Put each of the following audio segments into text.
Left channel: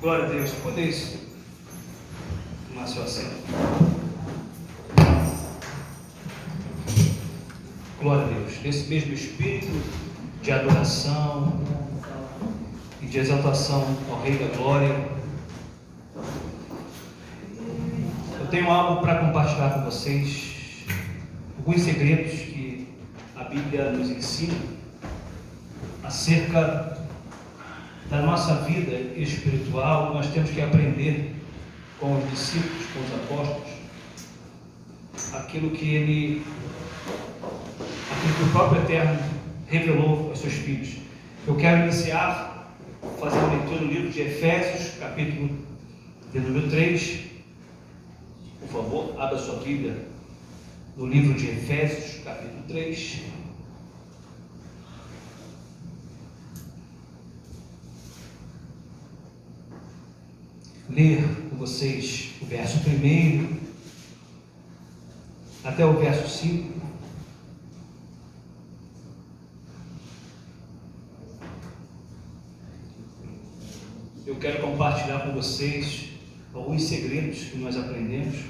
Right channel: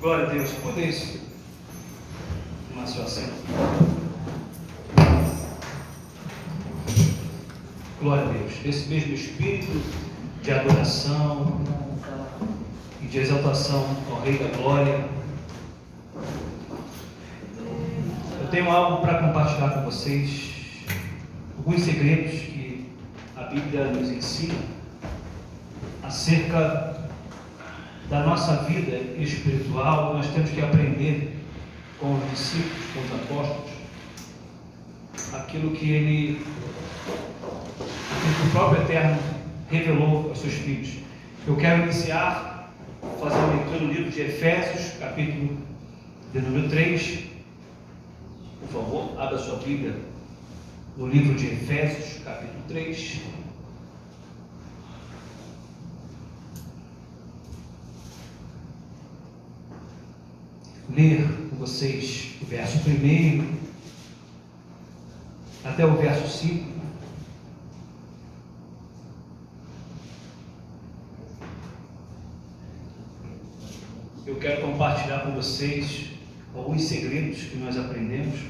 Glória a Deus. Tudo isso. Tomar seu assento. Glória a Deus. Nesse mesmo espírito de adoração e de exaltação ao Rei da Glória, eu tenho algo para compartilhar com vocês. Alguns segredos que a Bíblia nos ensina acerca da nossa vida espiritual. Nós temos que aprender com os discípulos, com os apóstolos, aquilo que o próprio Eterno revelou aos seus filhos. Eu quero iniciar fazendo a leitura no livro de Efésios, capítulo de número 3. Por favor, abra sua Bíblia no livro de Efésios, capítulo 3. Ler com vocês o verso 1 até o verso 5. Eu quero compartilhar com vocês alguns segredos que nós aprendemos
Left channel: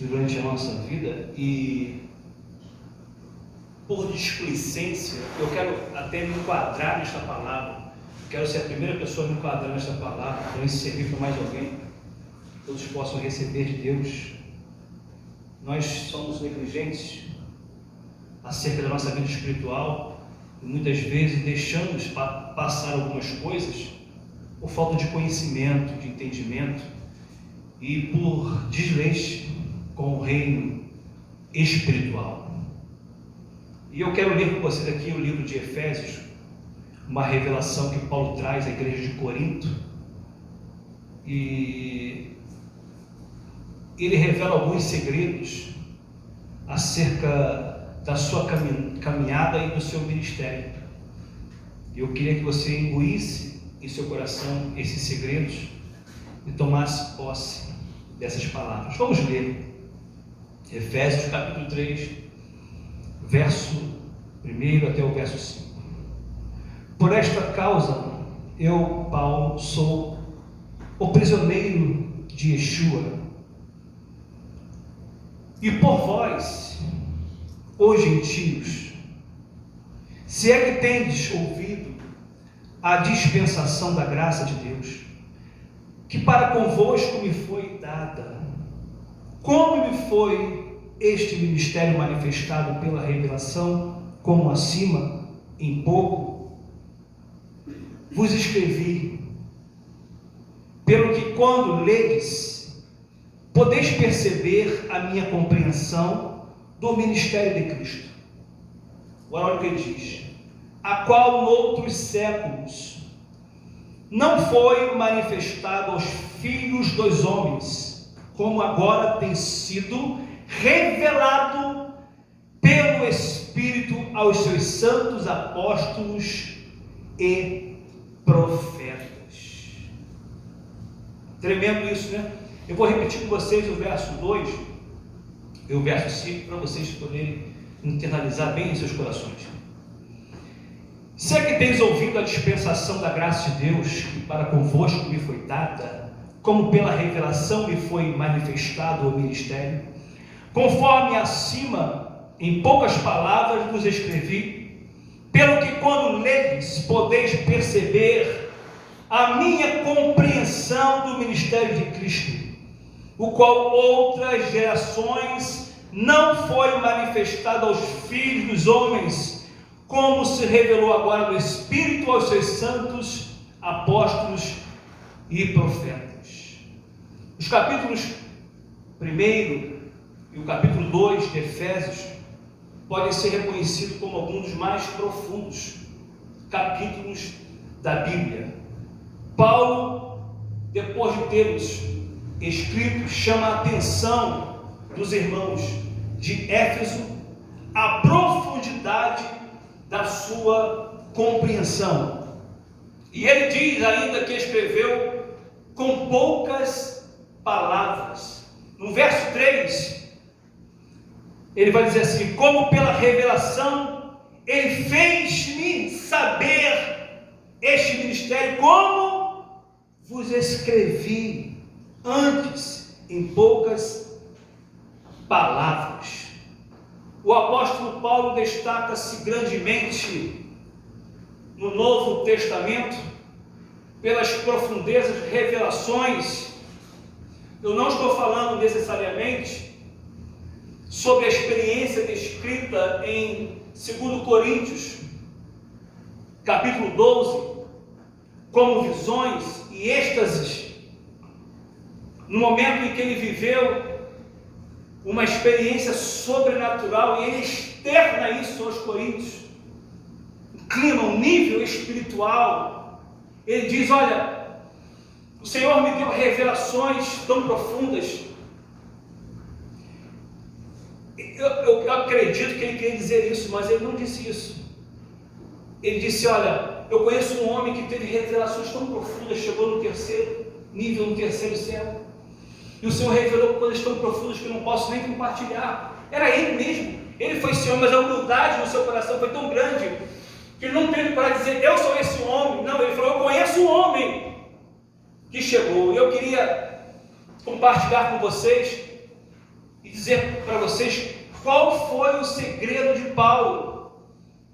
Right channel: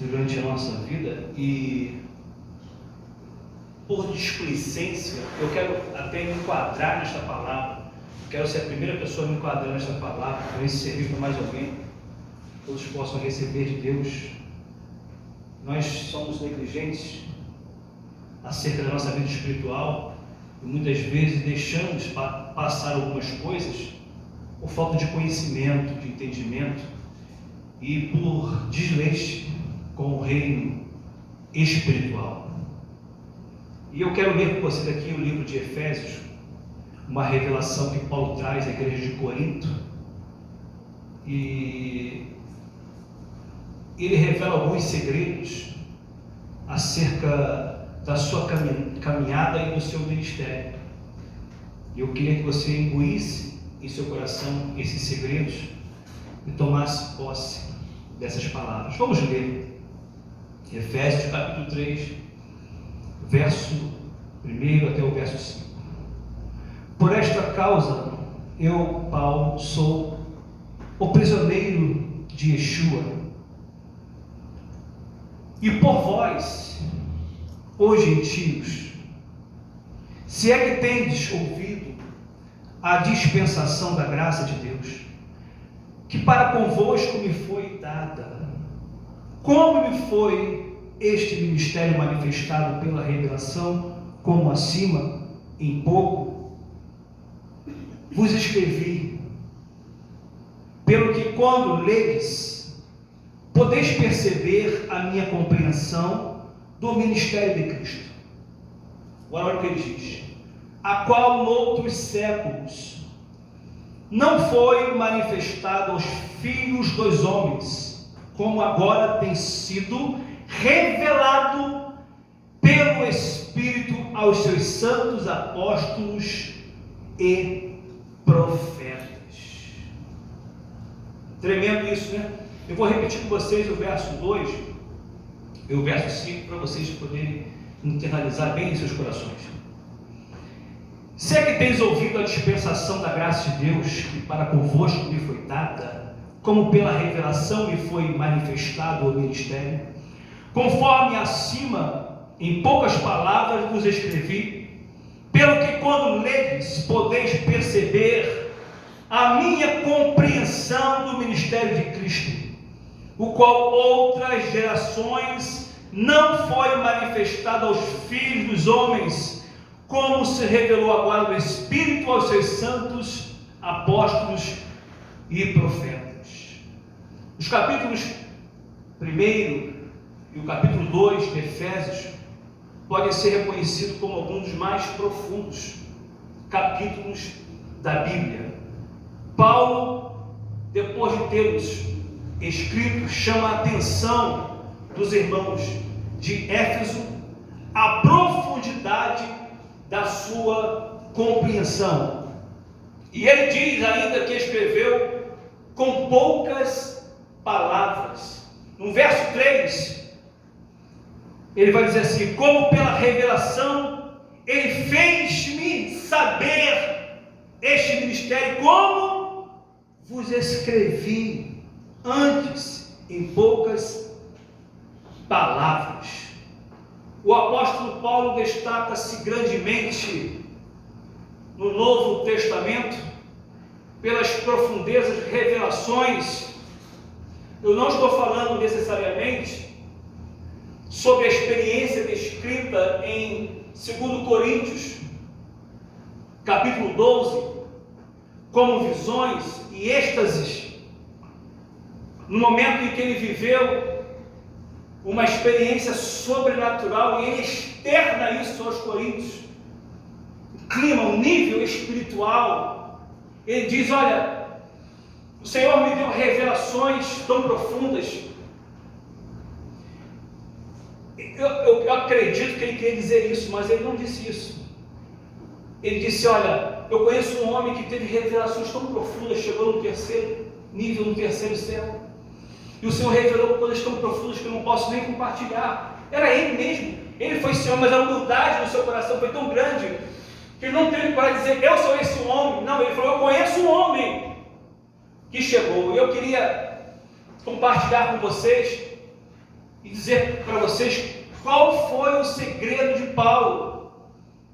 durante a nossa vida e, por displicência, eu quero até me enquadrar nesta palavra. Quero ser a primeira pessoa a me enquadrar nesta palavra, para isso servir para mais alguém, que todos possam receber de Deus. Nós somos negligentes acerca da nossa vida espiritual e muitas vezes deixamos passar algumas coisas por falta de conhecimento, de entendimento e por desleixo com o reino espiritual. E eu quero ler com você aqui o livro de Efésios, uma revelação que Paulo traz à igreja de Corinto, e ele revela alguns segredos acerca da sua caminhada e do seu ministério. Eu queria que você engolisse em seu coração esses segredos e tomasse posse dessas palavras. Vamos ler Efésios capítulo 3, verso 1 até o verso 5. Por esta causa, eu, Paulo, sou o prisioneiro de Yeshua, e por vós, os gentios, se é que tendes ouvido a dispensação da graça de Deus, que para convosco me foi dada, como me foi este ministério manifestado pela revelação, como acima, em pouco, vos escrevi, pelo que quando ledes, podeis perceber a minha compreensão do ministério de Cristo. Agora olha o que ele diz: a qual noutros séculos não foi manifestado aos filhos dos homens, como agora tem sido revelado pelo Espírito aos seus santos apóstolos e profetas. Tremendo isso, né? Eu vou repetir com vocês o verso 2 e o verso 5 para vocês poderem internalizar bem em seus corações. Se é que tens ouvido a dispensação da graça de Deus, que para convosco me foi dada, como pela revelação me foi manifestado o ministério, conforme acima, em poucas palavras vos escrevi, pelo que quando ledes, podeis perceber a minha compreensão do ministério de Cristo, o qual outras gerações não foi manifestado aos filhos dos homens, como se revelou agora no Espírito aos seus santos apóstolos e profetas. Os capítulos 1 e o capítulo 2 de Efésios podem ser reconhecidos como alguns dos mais profundos capítulos da Bíblia. Paulo, depois de termos escrito, chama a atenção dos irmãos de Éfeso à profundidade da sua compreensão. E ele diz ainda que escreveu com poucas palavras. No verso 3, ele vai dizer assim: como pela revelação ele fez-me saber este ministério, como vos escrevi antes em poucas palavras. O apóstolo Paulo destaca-se grandemente no Novo Testamento pelas profundezas revelações. Eu não estou falando necessariamente sobre a experiência descrita em 2 Coríntios, capítulo 12, como visões e êxtases, no momento em que ele viveu uma experiência sobrenatural e ele externa isso aos coríntios, um clima, um nível espiritual. Ele diz: olha, o Senhor me deu revelações tão profundas. Eu acredito que ele queria dizer isso, mas ele não disse isso. Ele disse: olha, eu conheço um homem que teve revelações tão profundas, chegou no terceiro nível, no terceiro céu, e o Senhor revelou coisas tão profundas que eu não posso nem compartilhar. Era ele mesmo, ele foi esse homem, mas a humildade no seu coração foi tão grande que ele não teve coragem de dizer: eu sou esse homem. Não, ele falou: eu conheço um homem que chegou. E eu queria compartilhar com vocês e dizer para vocês qual foi o segredo de Paulo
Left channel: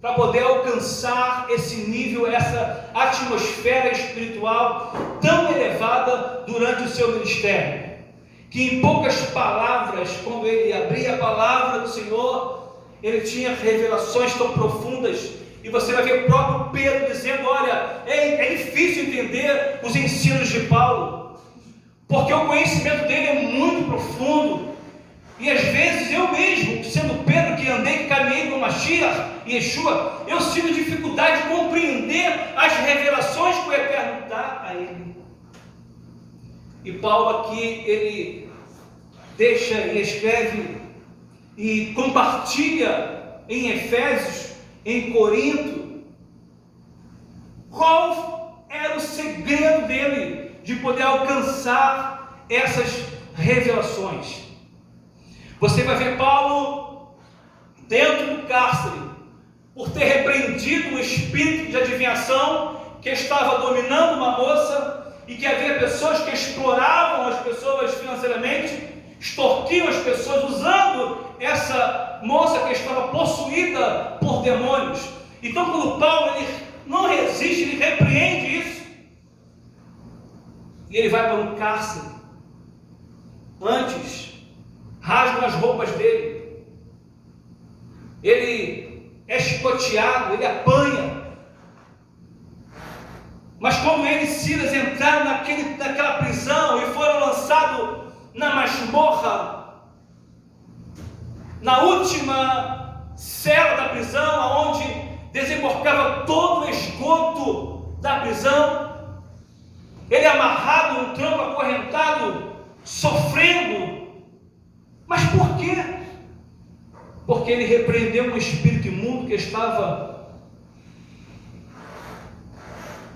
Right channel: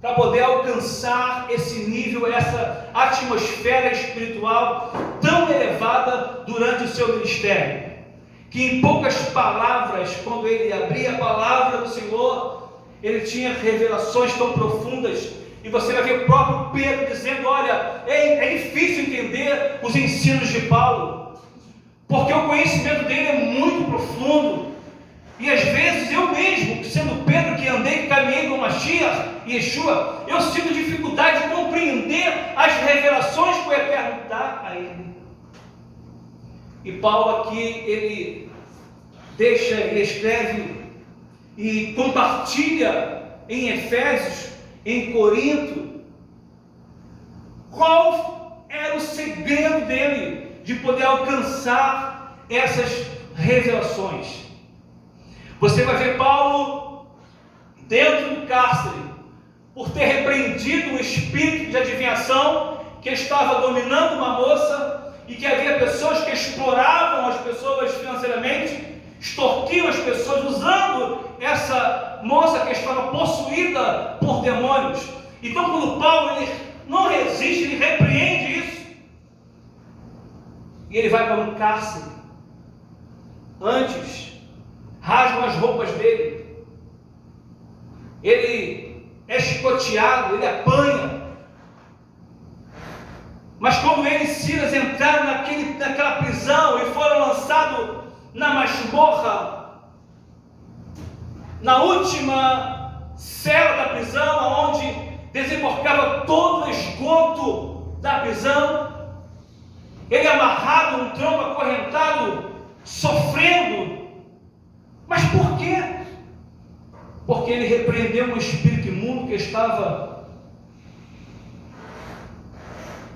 para poder alcançar esse nível, essa atmosfera espiritual tão elevada durante o seu ministério. Que em poucas palavras, quando ele abria a palavra do Senhor, ele tinha revelações tão profundas. E você vai ver o próprio Pedro dizendo: olha, é difícil entender os ensinos de Paulo, porque o conhecimento dele é muito profundo. E às vezes eu mesmo, sendo Pedro, que andei, que caminhei com Mashiach e Yeshua, eu sinto dificuldade de compreender as revelações que o Eterno dá a ele. E Paulo aqui, ele deixa e escreve e compartilha em Efésios, em Corinto, qual era o segredo dele de poder alcançar essas revelações. Você vai ver Paulo dentro do cárcere, por ter repreendido o espírito de adivinhação que estava dominando uma moça, e que havia pessoas que exploravam as pessoas financeiramente, extorquiam as pessoas, usando essa moça que estava possuída por demônios. Então, quando Paulo ele não resiste, ele repreende isso, e ele vai para um cárcere. Antes, rasgam as roupas dele, ele é chicoteado, ele apanha. Mas como ele e Silas entraram naquela prisão e foram lançados na masmorra, na última cela da prisão, onde desembarcava todo o esgoto da prisão, ele amarrado num tronco acorrentado, sofrendo. Mas por quê? Porque ele repreendeu um espírito imundo que estava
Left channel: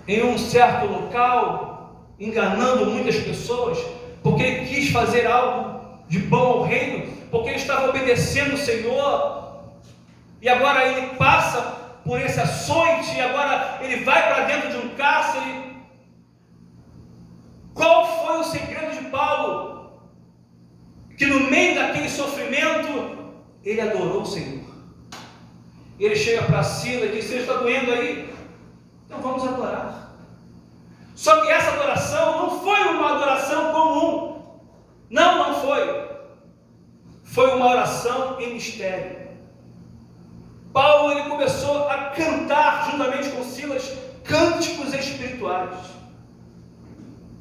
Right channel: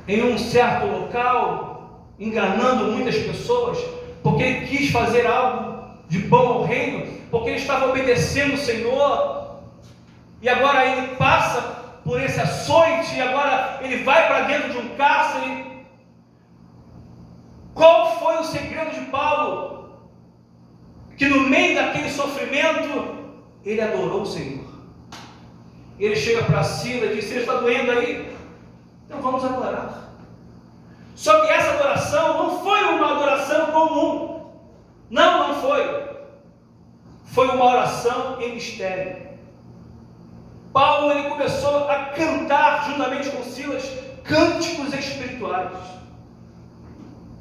em um certo local, enganando muitas pessoas, porque ele quis fazer algo de bom ao reino, porque ele estava obedecendo o Senhor, e agora ele passa por esse açoite, e agora ele vai para dentro de um cárcere. Qual foi o segredo de Paulo? Que no meio daquele sofrimento, ele adorou o Senhor. Ele chega para Silas e diz: você está doendo aí? Então vamos adorar. Só que essa adoração não foi uma adoração comum. Não foi. Foi uma oração em mistério. Paulo ele começou a cantar juntamente com Silas cânticos espirituais,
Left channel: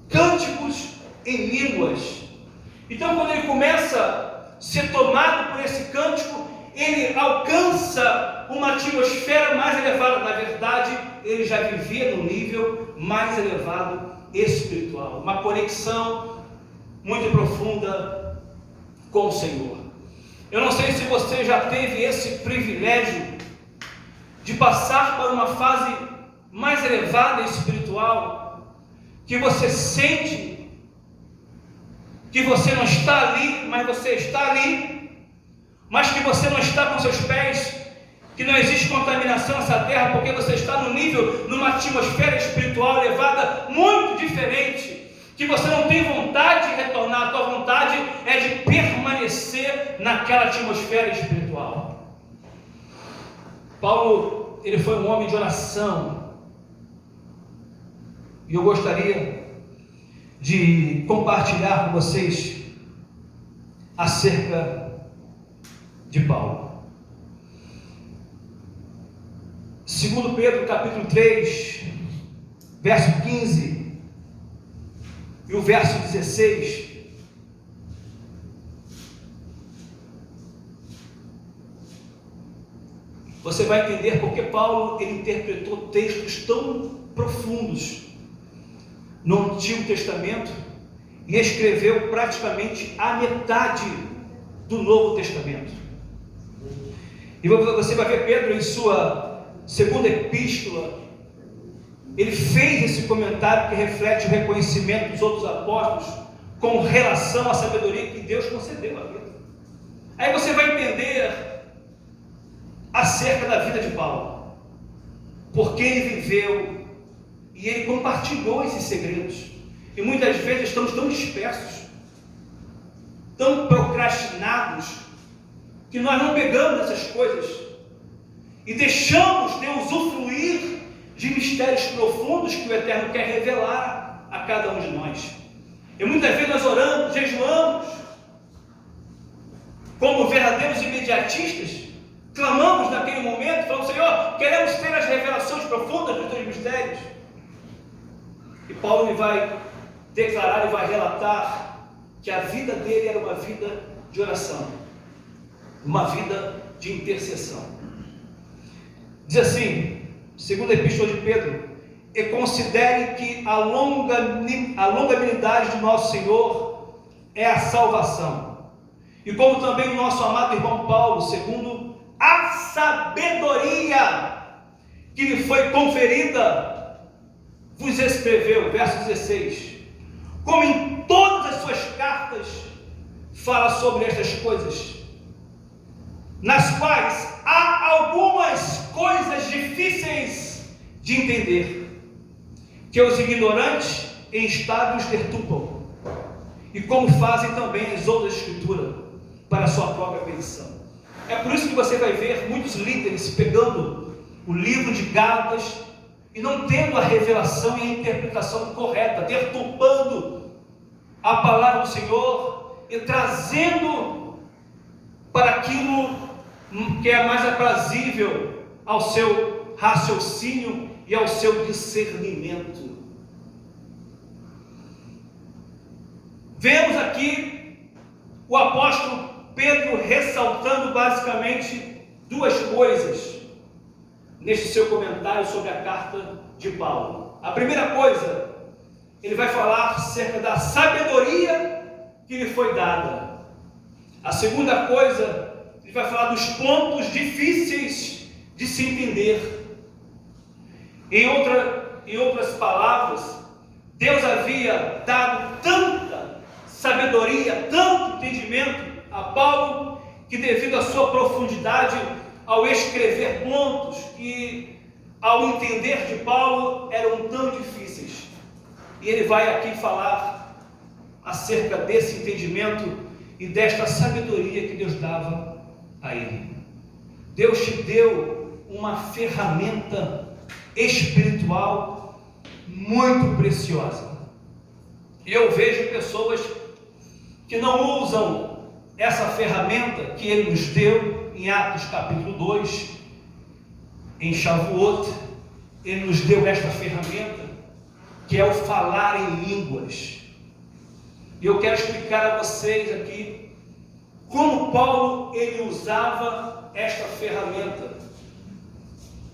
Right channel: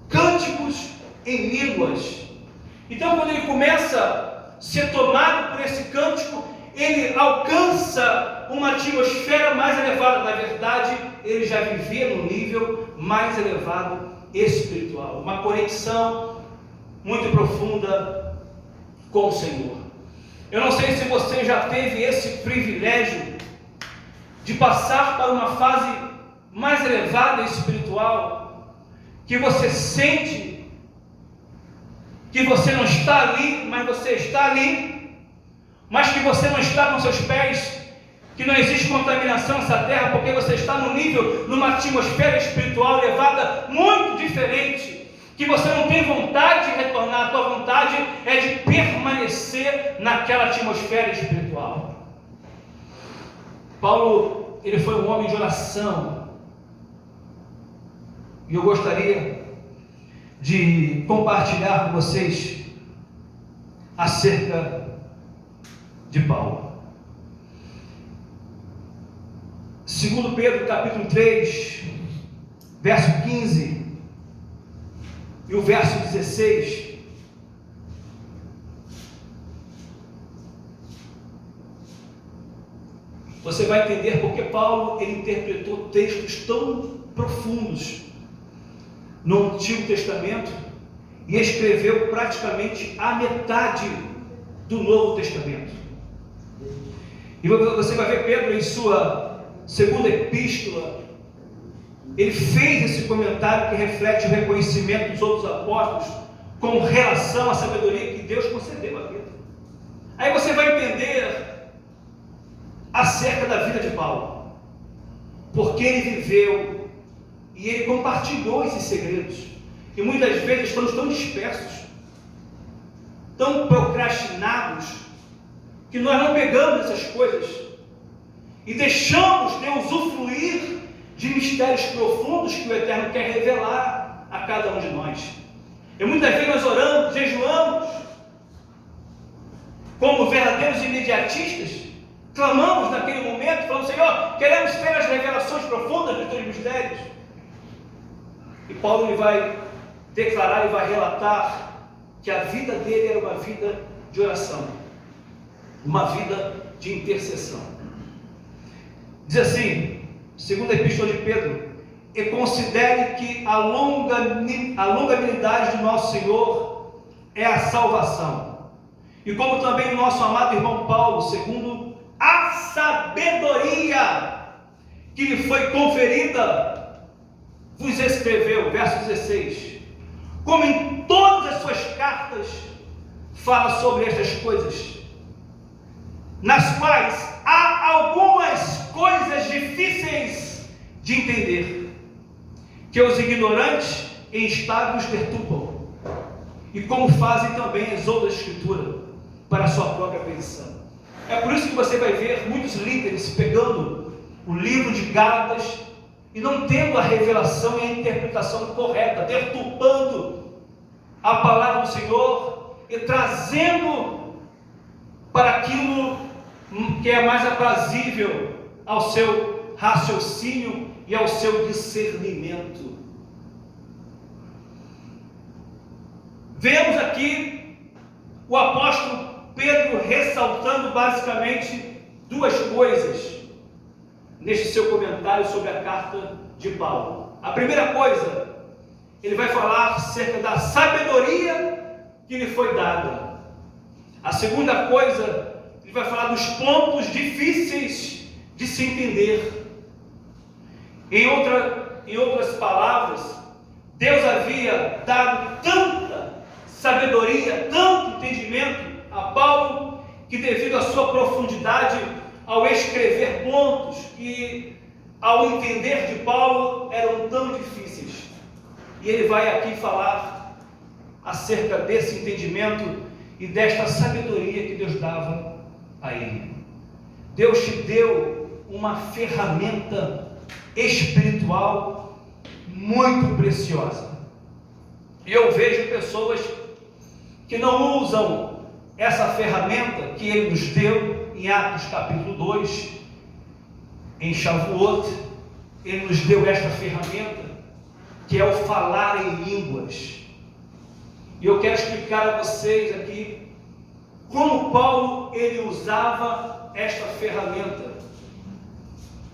cânticos em línguas. Então, quando ele começa a ser tomado por esse cântico, ele alcança uma atmosfera mais elevada. Na verdade, ele já vivia num nível mais elevado espiritual, uma conexão muito profunda com o Senhor. Eu não sei se você já teve esse privilégio de passar por uma fase mais elevada espiritual, que você sente que você não está ali, mas você está ali, mas que você não está com seus pés que não existe contaminação nessa terra, porque você está numa atmosfera espiritual elevada muito diferente, que você não tem vontade de retornar, a tua vontade é de permanecer naquela atmosfera espiritual. Paulo, ele foi um homem de oração, e eu gostaria de compartilhar com vocês acerca de Paulo. Segundo Pedro, capítulo 3, verso 15 e o verso 16, você vai entender porque Paulo ele interpretou textos tão profundos no Antigo Testamento e escreveu praticamente a metade do Novo Testamento. E você vai ver Pedro em sua segunda epístola, ele fez esse comentário que reflete o reconhecimento dos outros apóstolos com relação à sabedoria que Deus concedeu a Pedro. Aí você vai entender acerca da vida de Paulo, porque ele viveu e ele compartilhou esses segredos. E muitas vezes estamos tão dispersos, tão procrastinados, que nós não pegamos essas coisas e deixamos de usufruir de mistérios profundos que o Eterno quer revelar a cada um de nós. E muitas vezes nós oramos, jejuamos, como verdadeiros imediatistas, clamamos naquele momento, falando: Senhor, queremos ter as revelações profundas dos teus mistérios. E Paulo ele vai declarar e vai relatar que a vida dele era uma vida de oração, uma vida de intercessão. Diz assim, segunda epístola de Pedro: e considere que a longanimidade do nosso Senhor é a salvação, e como também o nosso amado irmão Paulo, segundo a sabedoria que lhe foi conferida, vos escreveu, verso 16, como em todas as suas cartas fala sobre estas coisas, nas quais há algumas coisas difíceis de entender, que os ignorantes e instáveis perturbam, e como fazem também as outras escrituras para a sua própria perdição. É por isso que você vai ver muitos líderes pegando o livro de Gálatas e não tendo a revelação e a interpretação correta, deturpando a palavra do Senhor e trazendo para aquilo que é mais aprazível ao seu raciocínio e ao seu discernimento. Vemos aqui o apóstolo Pedro ressaltando basicamente duas coisas neste seu comentário sobre a carta de Paulo. A primeira coisa, ele vai falar acerca da sabedoria que lhe foi dada. A segunda coisa, ele vai falar dos pontos difíceis de se entender. Em outras palavras, Deus havia dado tanta sabedoria, tanto entendimento a Paulo, que devido à sua profundidade, ao escrever pontos que ao entender de Paulo eram tão difíceis. E ele vai aqui falar acerca desse entendimento e desta sabedoria que Deus dava a ele. Deus te deu uma ferramenta espiritual muito preciosa. E eu vejo pessoas que não usam essa ferramenta que Ele nos deu em Atos capítulo 2, em Shavuot. Ele nos deu esta ferramenta que é o falar em línguas. E eu quero explicar a vocês aqui como Paulo ele usava esta ferramenta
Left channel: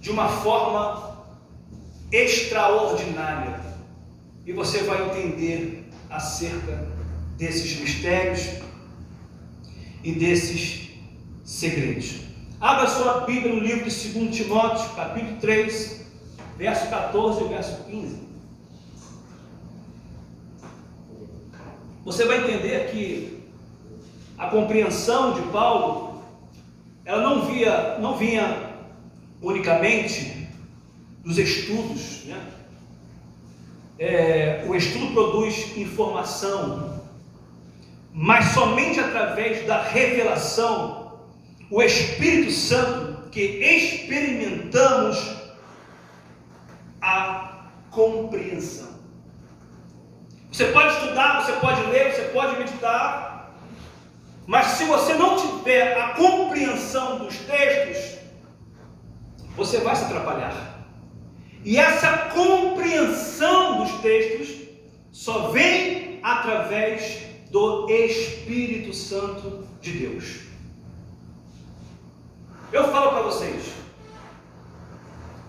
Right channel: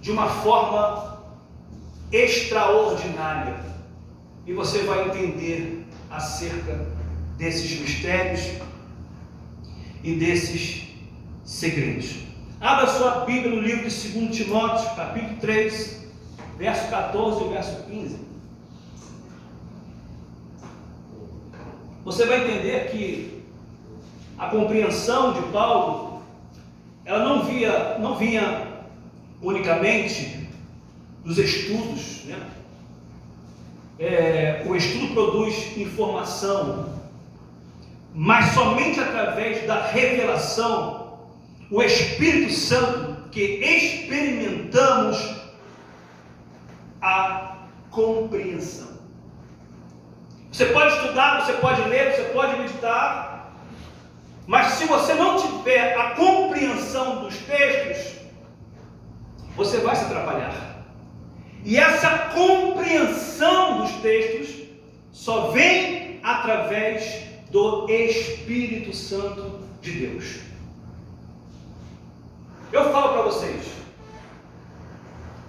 de uma forma extraordinária. E você vai entender acerca desses mistérios e desses segredos. Abra sua Bíblia no livro de 2 Timóteo, capítulo 3, verso 14 e verso 15. Você vai entender que a compreensão de Paulo, ela não vinha unicamente dos estudos, né? O estudo produz informação, mas somente através da revelação, o Espírito Santo, que experimentamos a compreensão. Você pode estudar, você pode ler, você pode meditar, mas se você não tiver a compreensão dos textos, você vai se atrapalhar. E essa compreensão dos textos só vem através do Espírito Santo de Deus. Eu falo para vocês,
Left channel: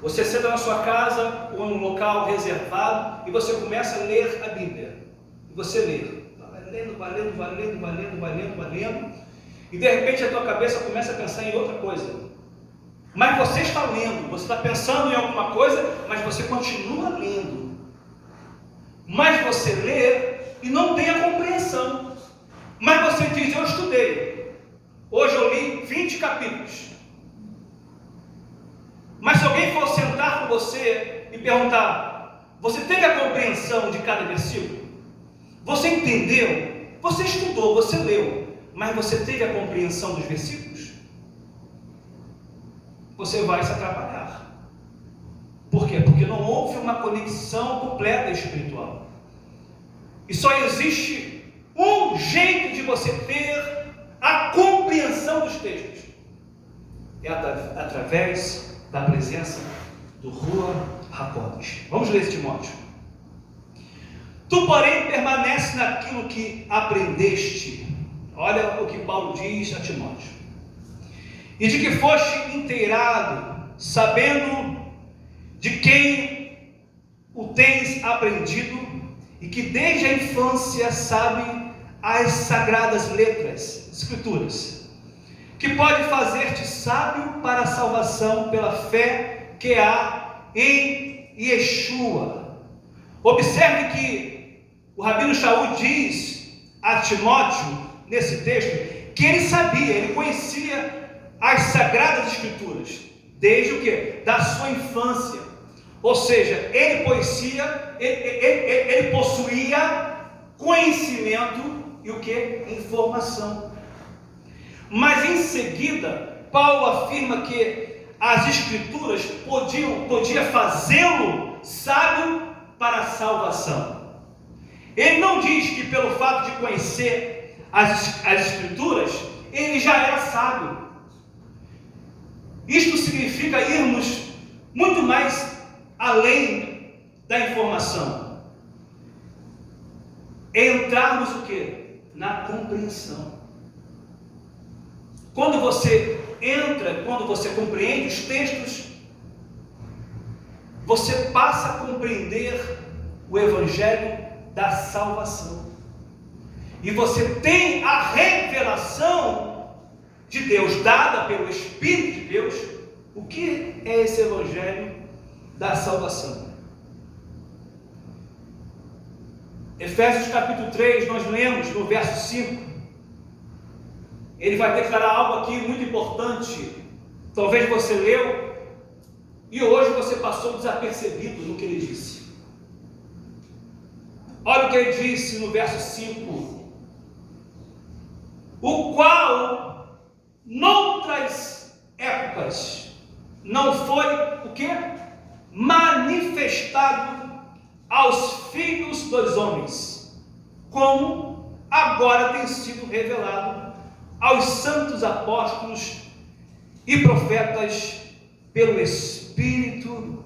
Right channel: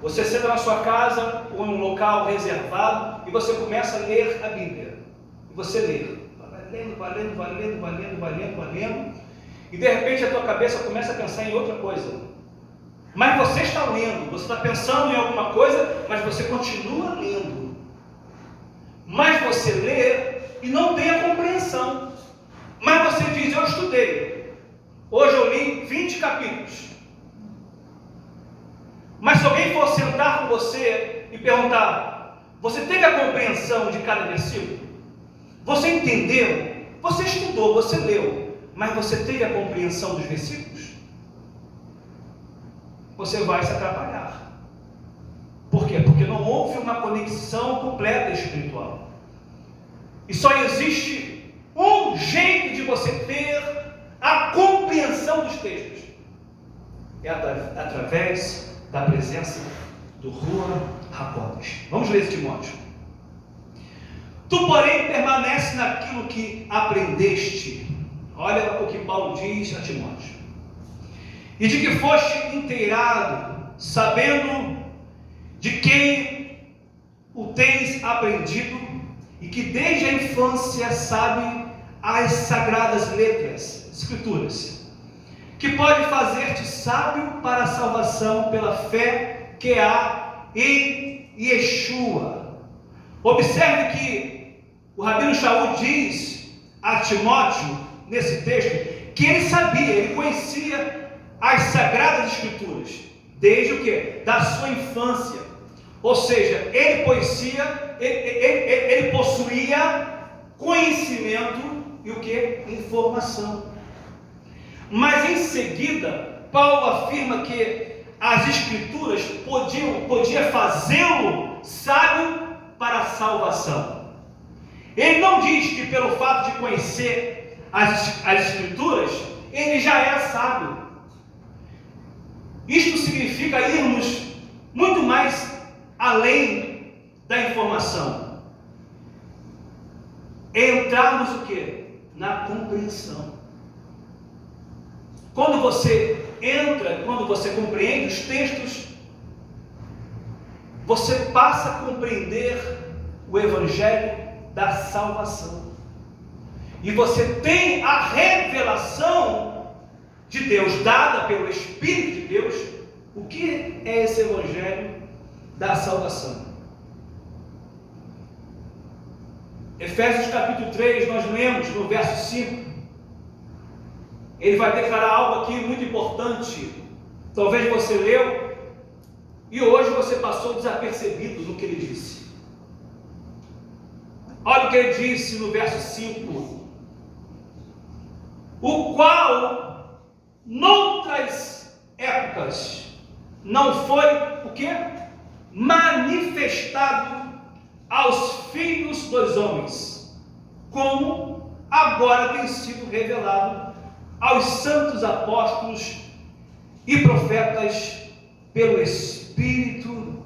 você senta na sua casa ou em um local reservado e você começa a ler a Bíblia. E você lê, vai lendo, e de repente a tua cabeça começa a pensar em outra coisa. Mas você está lendo, você está pensando em alguma coisa, mas você continua lendo. Mas você lê e não tem a compreensão. Mas você diz, eu estudei. Hoje eu li 20 capítulos. Mas se alguém for sentar com você e perguntar, você teve a compreensão de cada versículo? Você entendeu? Você estudou, você leu, mas você teve a compreensão dos versículos? Você vai se atrapalhar. Por quê? Porque não houve uma conexão completa espiritual. E só existe um jeito de você ter a compreensão dos textos. É através da presença do Ruach HaKodesh. Vamos ler esse Timóteo. Tu, porém, permanece naquilo que aprendeste. Olha o que Paulo diz a Timóteo. E de que foste inteirado, sabendo de quem o tens aprendido, e que desde a infância sabe as sagradas letras, escrituras, que pode fazer-te sábio para a salvação pela fé que há em Yeshua. Observe que o Rabino Shaul diz a Timóteo, nesse texto, que ele sabia, ele conhecia as Sagradas Escrituras, desde o quê? Da sua infância. Ou seja, ele possuía conhecimento e o quê? Informação. Mas em seguida, Paulo afirma que as Escrituras podiam fazê-lo sábio para a salvação. Ele não diz que pelo fato de conhecer as Escrituras, ele já era sábio. Isto significa irmos muito mais além da informação. Entrarmos o quê? Na compreensão. Quando você entra, quando você compreende os textos, você passa a compreender o Evangelho da salvação. E você tem a revelação de Deus, dada pelo Espírito de Deus. O que é esse Evangelho da salvação? Efésios capítulo 3, nós lemos no verso 5, ele vai declarar algo aqui muito importante. Talvez você leu e hoje você passou desapercebido no que ele disse. Olha o que ele disse no verso 5: o qual noutras épocas não foi o que? Manifestado aos filhos dos homens, como agora tem sido revelado aos santos apóstolos e profetas pelo Espírito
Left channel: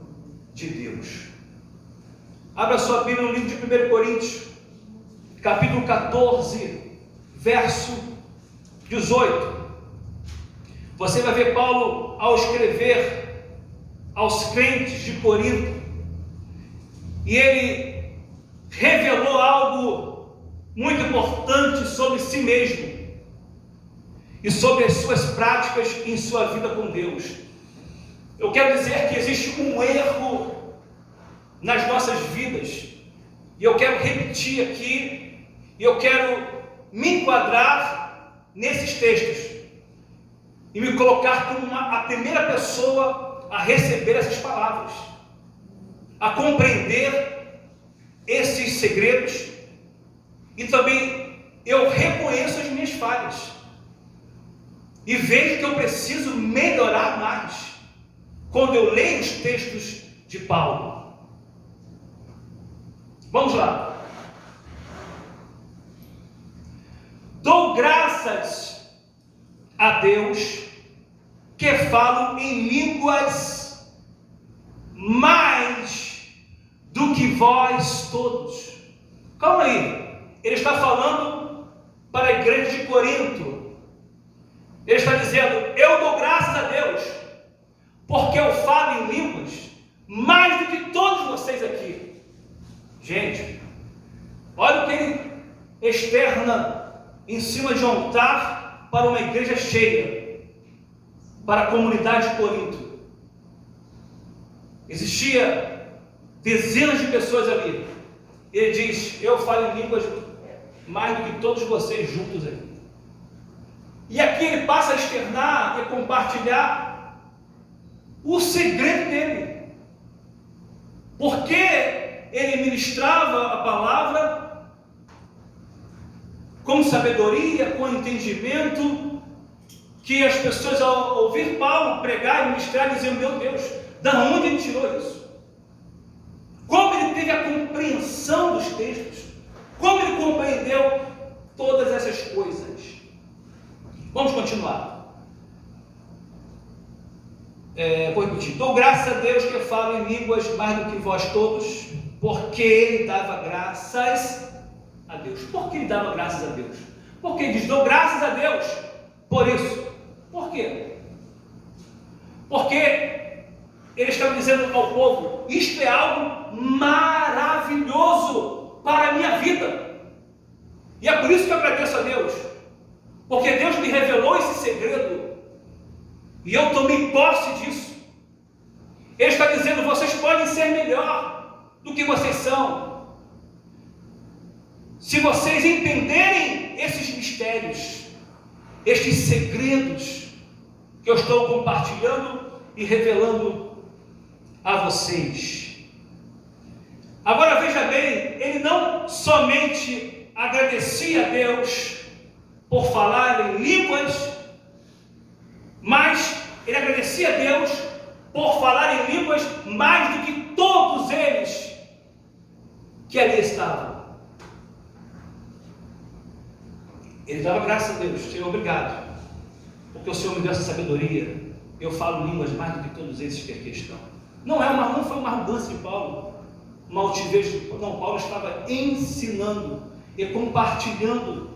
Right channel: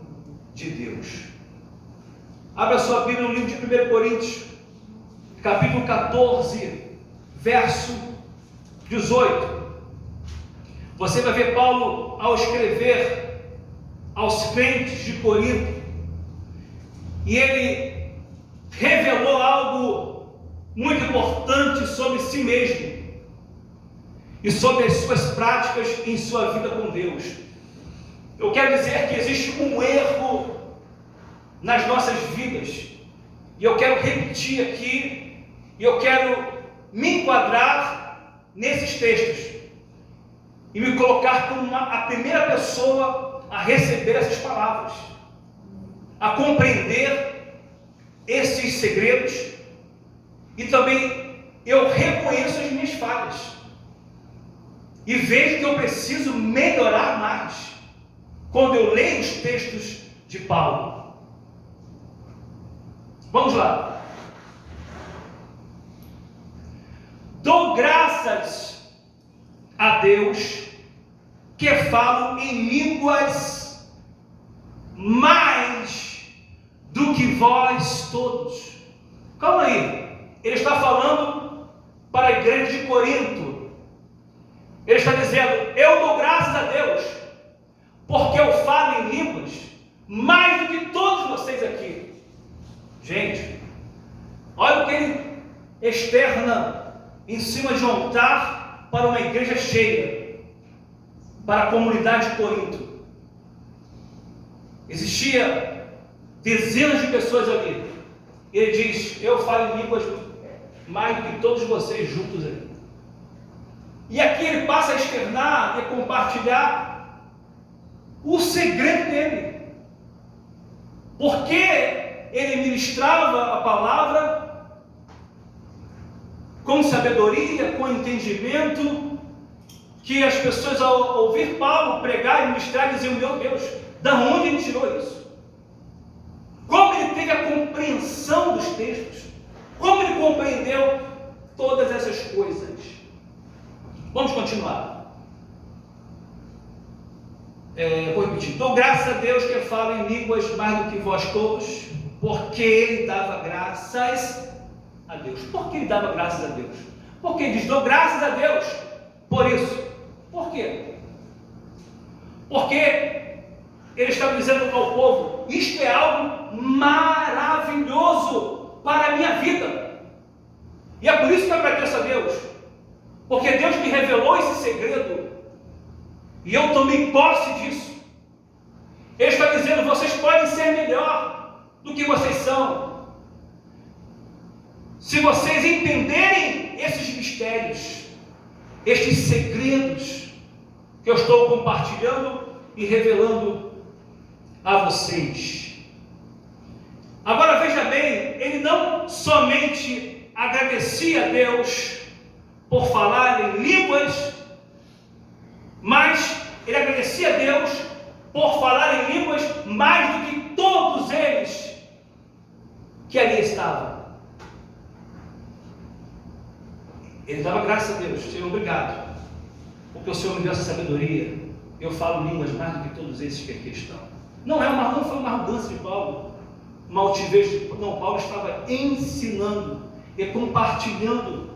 de Deus. Abra sua Bíblia no livro de 1 Coríntios, capítulo 14, verso 18. Você vai ver Paulo, ao escrever aos crentes de Corinto, e ele revelou algo muito importante sobre si mesmo e sobre as suas práticas em sua vida com Deus. Eu quero dizer que existe um erro nas nossas vidas, e eu quero repetir aqui, e eu quero me enquadrar nesses textos e me colocar como a primeira pessoa a receber essas palavras, a compreender esses segredos, e também eu reconheço as minhas falhas e vejo que eu preciso melhorar mais quando eu leio os textos de Paulo. Vamos lá. Dou graças a Deus que falo em línguas mais do que vós todos. Calma aí, ele está falando para a igreja de Corinto. Ele está dizendo: eu dou graças a Deus porque eu falo em línguas mais do que todos vocês aqui. Gente, olha o que ele externa em cima de um altar para uma igreja cheia, para a comunidade de Corinto. Existia dezenas de pessoas ali. Ele diz: eu falo em línguas mais do que todos vocês juntos aí. E aqui ele passa a externar e compartilhar o segredo dele. Porque ele ministrava a palavra com sabedoria, com entendimento, que as pessoas, ao ouvir Paulo pregar e ministrar, diziam: meu Deus, da onde ele tirou isso? Como ele teve a compreensão dos textos? Como ele compreendeu todas essas coisas? Vamos continuar. Vou repetir. Dou graças a Deus que falo em línguas mais do que vós todos, porque ele dava graças a Deus. Por que ele dava graças a Deus? Porque ele diz: dou graças a Deus por isso. Por quê? Porque ele estava dizendo ao povo: isto é algo maravilhoso para a minha vida. E é por isso que eu agradeço a Deus, porque Deus me revelou esse segredo e eu tomei posse disso. Ele está dizendo: vocês podem ser melhor do que vocês são, se vocês entenderem esses mistérios, estes segredos que eu estou compartilhando e revelando a vocês. Agora veja bem, ele não somente agradecia a Deus por falar em línguas, mas ele agradecia a Deus por falar em línguas mais do que todos eles que ali estavam. Ele dava graças a Deus: Senhor, obrigado, porque o Senhor me deu essa sabedoria. Eu falo línguas mais do que todos esses que aqui estão. Não foi uma arrogância de Paulo, uma altivez de Paulo. Não, Paulo estava ensinando e compartilhando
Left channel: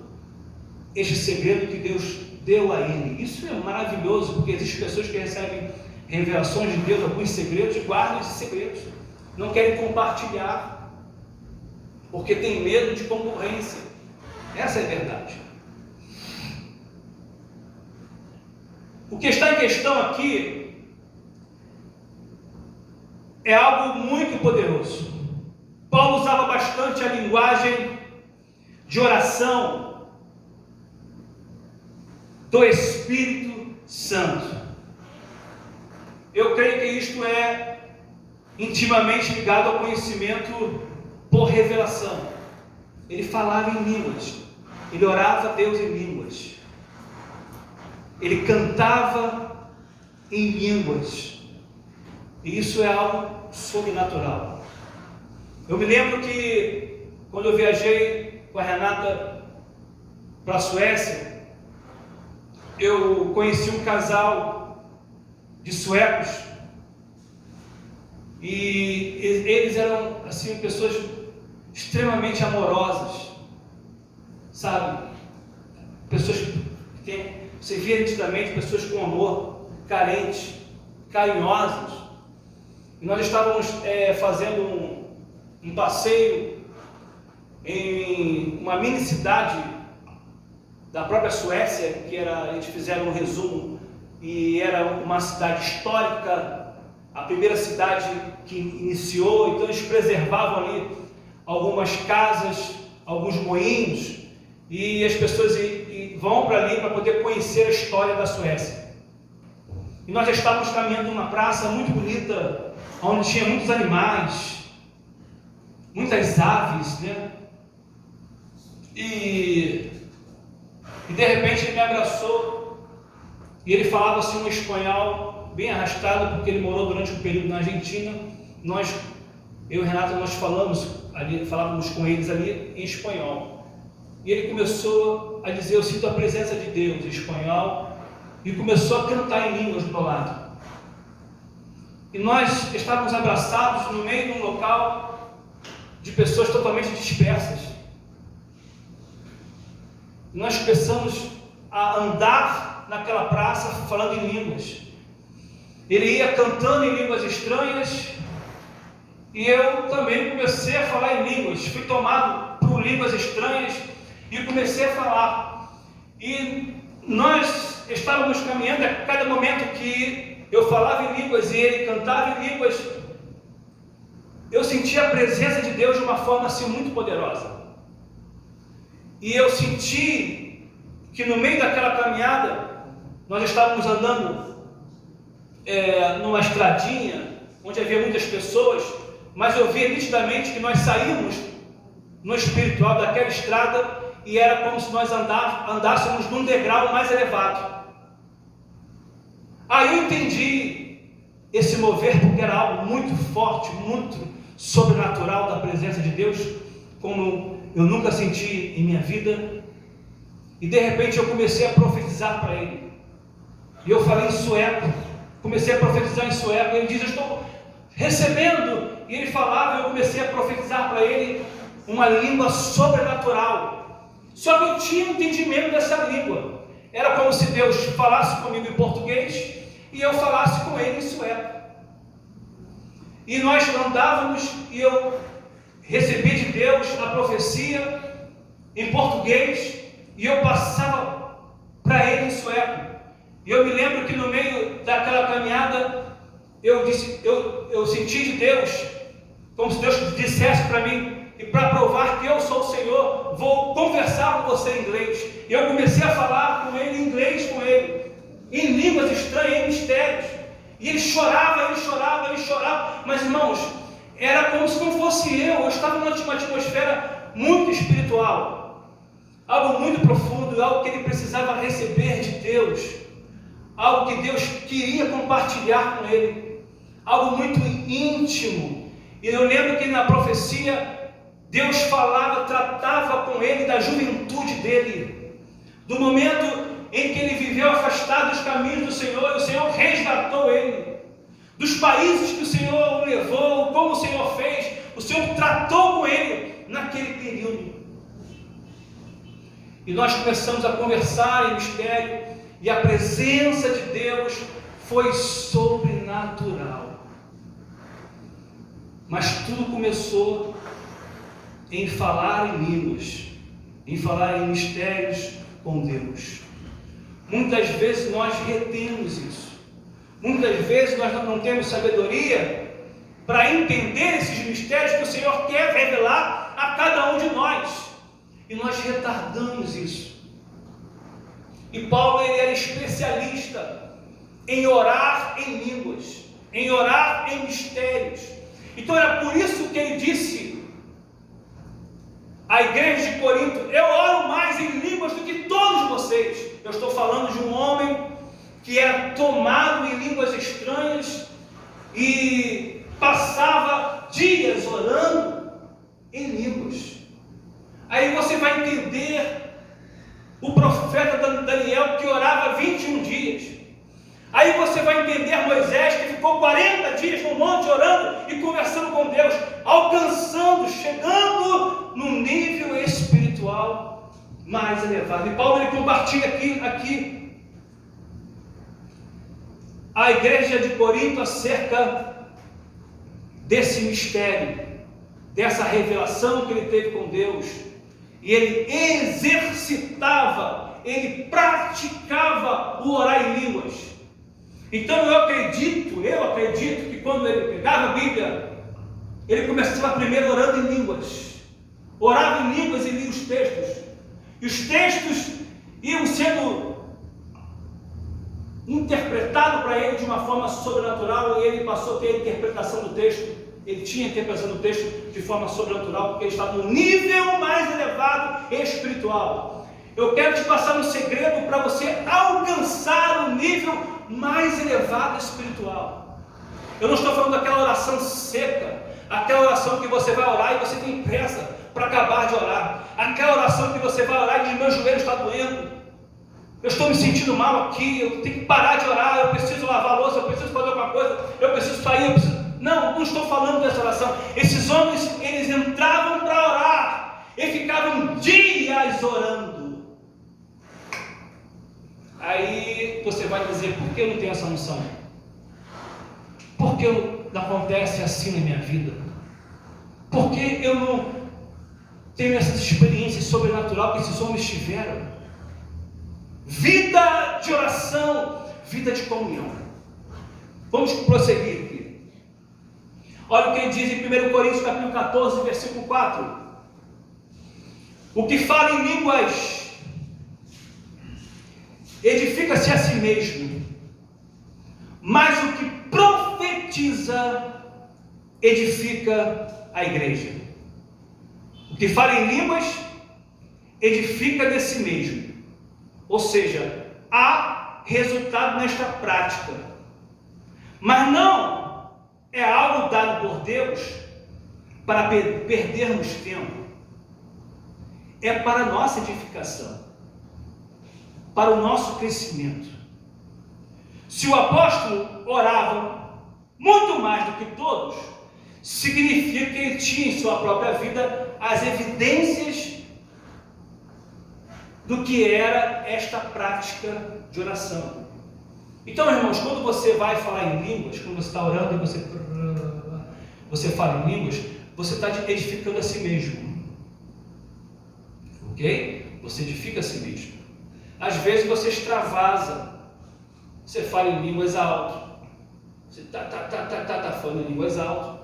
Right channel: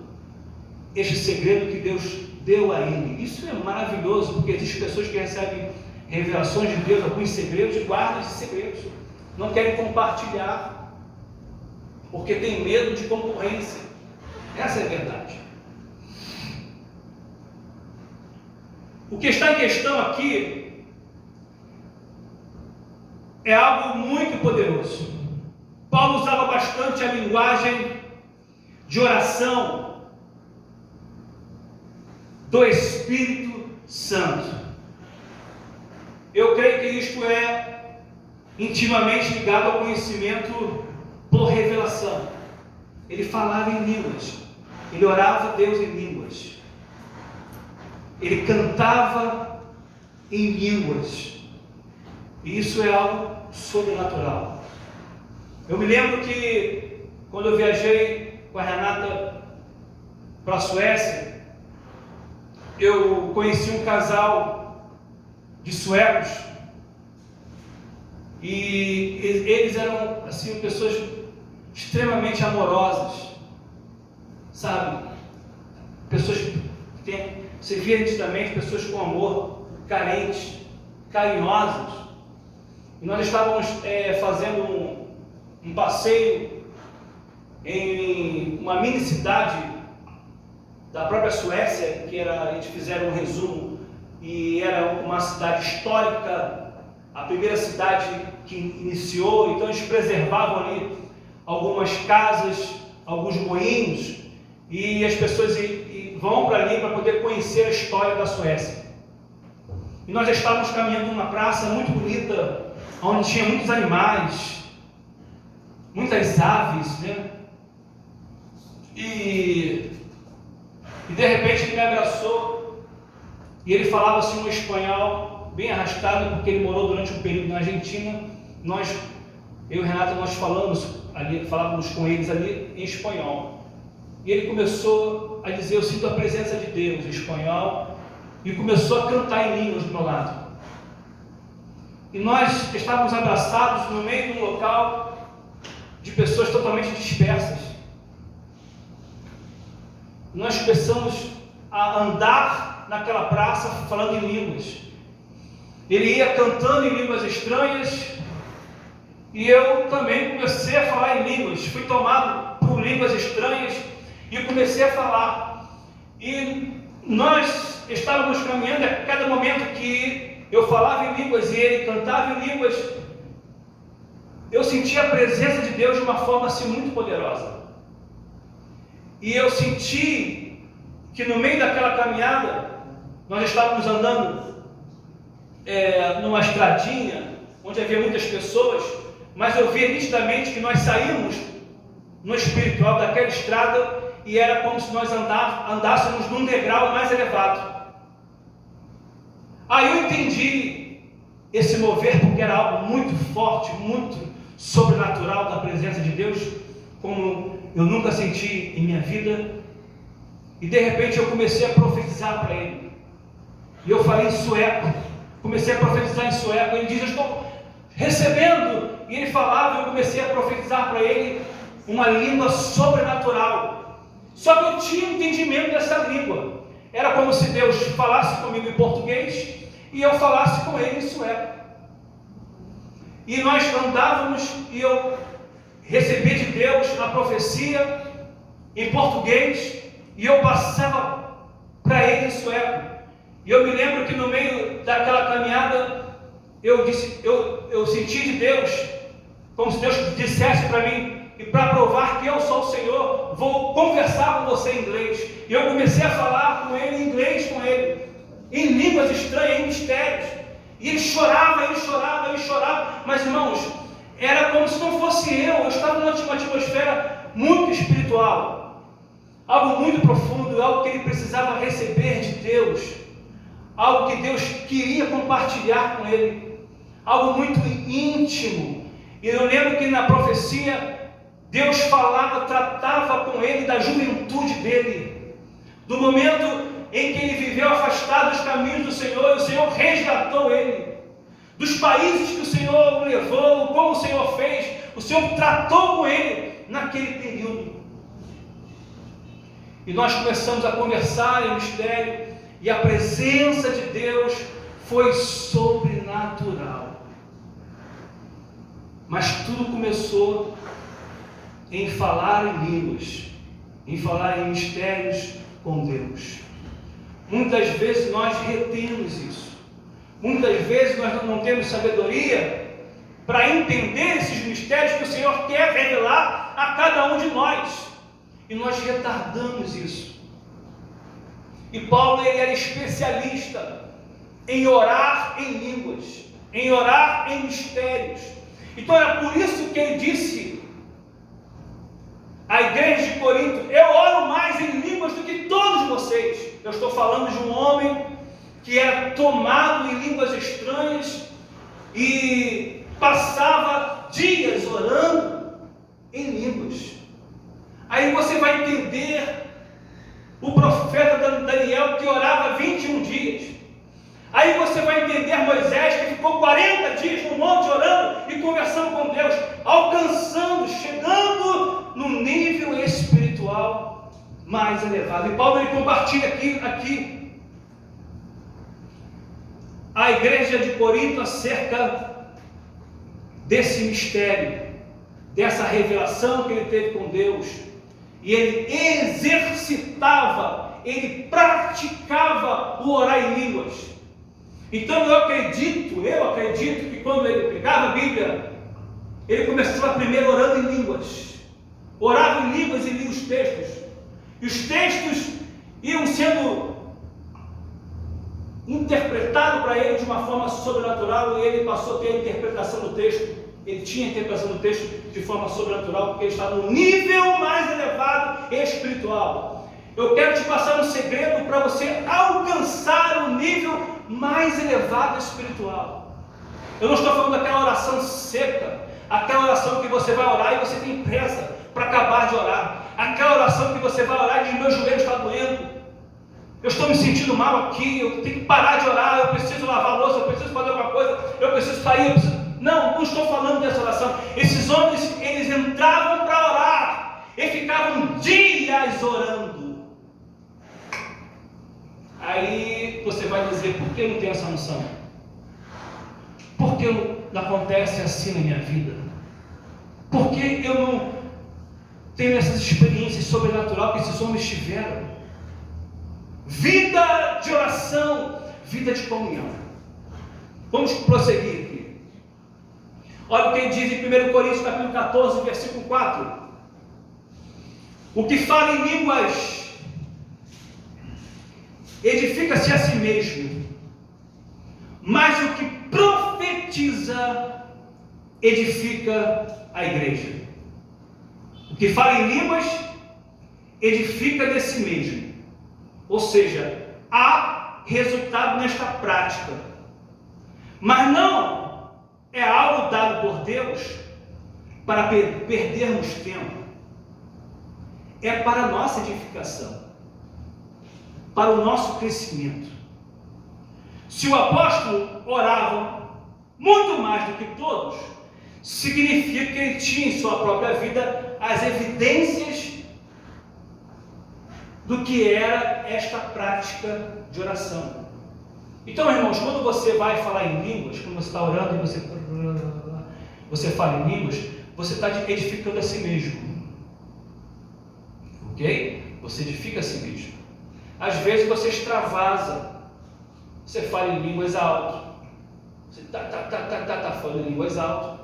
este segredo que Deus deu a ele. Isso é maravilhoso, porque existem pessoas que recebem revelações de Deus, alguns segredos, e guardam esses segredos, não querem compartilhar, porque tem medo de concorrência. Essa é a verdade. O que está em questão aqui é algo muito poderoso. Paulo usava bastante a linguagem de oração do Espírito Santo. Eu creio que isto é intimamente ligado ao conhecimento por revelação. Ele falava em línguas, ele orava a Deus em línguas, ele cantava em línguas, e isso é algo sobrenatural. Eu me lembro que quando eu viajei com a Renata para a Suécia, eu conheci um casal de suecos, e eles eram assim pessoas extremamente amorosas, sabe? Pessoas que você via nitidamente, pessoas com amor, carentes, carinhosas. E nós estávamos fazendo um passeio em uma mini cidade da própria Suécia, eles fizeram um resumo, e era uma cidade histórica, a primeira cidade que iniciou. Então eles preservavam ali algumas casas, alguns moinhos, e as pessoas vão para ali para poder conhecer a história da Suécia. E nós já estávamos caminhando numa praça muito bonita, onde tinha muitos animais, muitas aves, né? E de repente ele me abraçou e ele falava assim um espanhol bem arrastado, porque ele morou durante um período na Argentina. Eu e Renato, nós falávamos com eles ali em espanhol. E ele começou a dizer: eu sinto a presença de Deus, em espanhol, e começou a cantar em línguas do meu lado. E nós estávamos abraçados no meio de um local de pessoas totalmente dispersas. Nós começamos a andar naquela praça falando em línguas. Ele ia cantando em línguas estranhas e eu também comecei a falar em línguas. Fui tomado por línguas estranhas e comecei a falar. E nós estávamos caminhando, a cada momento que eu falava em línguas e ele cantava em línguas, eu sentia a presença de Deus de uma forma assim muito poderosa. E eu senti que no meio daquela caminhada, nós estávamos andando numa estradinha, onde havia muitas pessoas, mas eu via nitidamente que nós saímos no espiritual daquela estrada e era como se nós andássemos num degrau mais elevado. Aí eu entendi esse mover, porque era algo muito forte, muito sobrenatural da presença de Deus, como eu nunca senti em minha vida. E de repente eu comecei a profetizar para ele. E eu falei em sueco, comecei a profetizar em sueco. Ele diz: eu estou recebendo. E ele falava, eu comecei a profetizar para ele uma língua sobrenatural. Só que eu tinha entendimento dessa língua. Era como se Deus falasse comigo em português e eu falasse com ele em sueco. E nós andávamos e eu recebi de Deus a profecia em português e eu passava para ele em sueco. E eu me lembro que no meio daquela caminhada eu senti de Deus, como se Deus dissesse para mim: e para provar que eu sou o Senhor, vou conversar com você em inglês. E eu comecei a falar com ele em inglês, com ele, em línguas estranhas, em mistérios. E ele chorava, ele chorava, ele chorava. Mas irmãos, era como se não fosse eu estava numa atmosfera muito espiritual, algo muito profundo, algo que ele precisava receber de Deus, algo que Deus queria compartilhar com ele, algo muito íntimo. E eu lembro que na profecia Deus falava, tratava com ele da juventude dele, do momento em que ele viveu afastado dos caminhos do Senhor, e o Senhor resgatou ele, dos países que o Senhor o levou, como o Senhor fez, o Senhor tratou com ele naquele período. E nós começamos a conversar em mistério, e a presença de Deus foi sobrenatural. Mas tudo começou em falar em línguas, em falar em mistérios com Deus. Muitas vezes nós retemos isso. Muitas vezes nós não temos sabedoria para entender esses mistérios que o Senhor quer revelar a cada um de nós. E nós retardamos isso. E Paulo, ele era especialista em orar em línguas, em orar em mistérios. Então era por isso que ele disse à igreja de Corinto: eu oro mais em línguas do que todos vocês. Eu estou falando de um homem que era tomado em línguas estranhas e passava dias orando em línguas. Aí você vai entender o profeta Daniel, que orava 21 dias. Aí você vai entender Moisés, que ficou 40 dias no monte orando e conversando com Deus, alcançando, chegando num nível espiritual mais elevado. E Paulo, ele compartilha aqui a igreja de Corinto acerca desse mistério, dessa revelação que ele teve com Deus. E ele exercitava, ele praticava o orar em línguas. Então eu acredito que quando ele pegava a Bíblia, ele começava primeiro orando em línguas, orava em línguas e lia os textos. E os textos iam sendo interpretado para ele de uma forma sobrenatural, e ele passou a ter a interpretação do texto. Ele tinha a interpretação do texto de forma sobrenatural, porque ele estava no nível mais elevado espiritual. Eu quero te passar um segredo para você alcançar o nível mais elevado espiritual. Eu não estou falando daquela oração seca, aquela oração que você vai orar e você tem pressa para acabar de orar, aquela oração que você vai orar e diz: meu joelho está doendo, eu estou me sentindo mal aqui, eu tenho que parar de orar, eu preciso lavar a louça, eu preciso fazer alguma coisa, eu preciso sair, eu preciso... Não estou falando dessa oração. Esses homens, eles entravam para orar e ficavam dias orando. Aí você vai dizer: por que eu não tenho essa unção? Por que não acontece assim na minha vida? Por que eu não tenho essas experiências sobrenaturais que esses homens tiveram? Vida de oração, vida de comunhão. Vamos prosseguir aqui. Olha o que ele diz em 1 Coríntios capítulo 14, versículo 4. O que fala em línguas edifica-se a si mesmo, mas o que profetiza edifica a igreja. O que fala em línguas edifica de si mesmo. Ou seja, há resultado nesta prática, mas não é algo dado por Deus para perdermos tempo. É para a nossa edificação, para o nosso crescimento. Se o apóstolo orava muito mais do que todos, significa que ele tinha em sua própria vida as evidências do que era esta prática de oração. Então, irmãos, quando você vai falar em línguas, quando você está orando e você fala em línguas, você está edificando a si mesmo. Ok? Você edifica a si mesmo. Às vezes você extravasa, você fala em línguas alto, você está falando em línguas alto,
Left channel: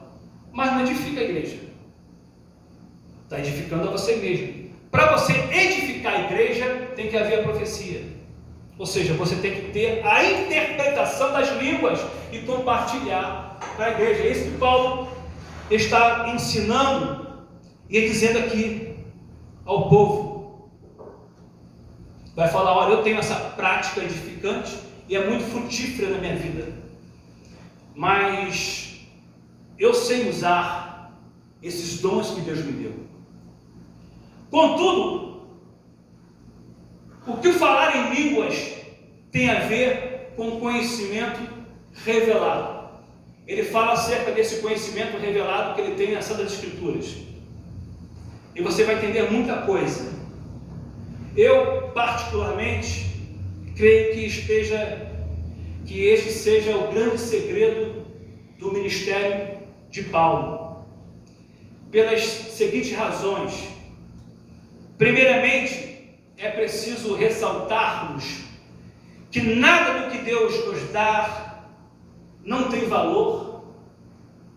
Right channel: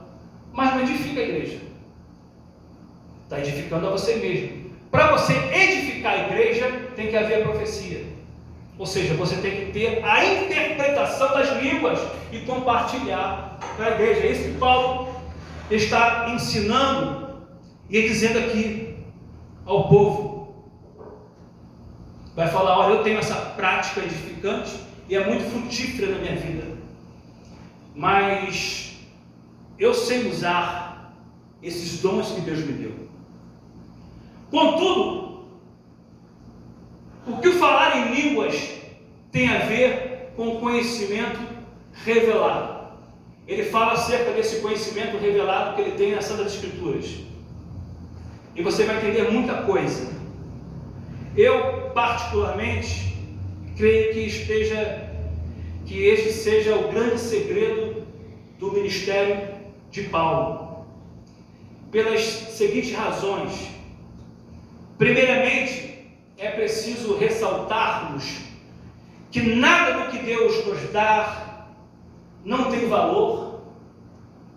mas não edifica a igreja. Está edificando a você mesmo. Para você edificar a igreja, tem que haver a profecia. Ou seja, você tem que ter a interpretação das línguas e compartilhar para a igreja. É isso que Paulo está ensinando e dizendo aqui ao povo. Vai falar: olha, eu tenho essa prática edificante e é muito frutífera na minha vida, mas eu sei usar esses dons que Deus me deu. Contudo, o que o falar em línguas tem a ver com o conhecimento revelado? Ele fala acerca desse conhecimento revelado que ele tem nas Santas Escrituras. E você vai entender muita coisa. Eu, particularmente, creio que este seja o grande segredo do ministério de Paulo. Pelas seguintes razões. Primeiramente, é preciso ressaltarmos que nada do que Deus nos dá não tem valor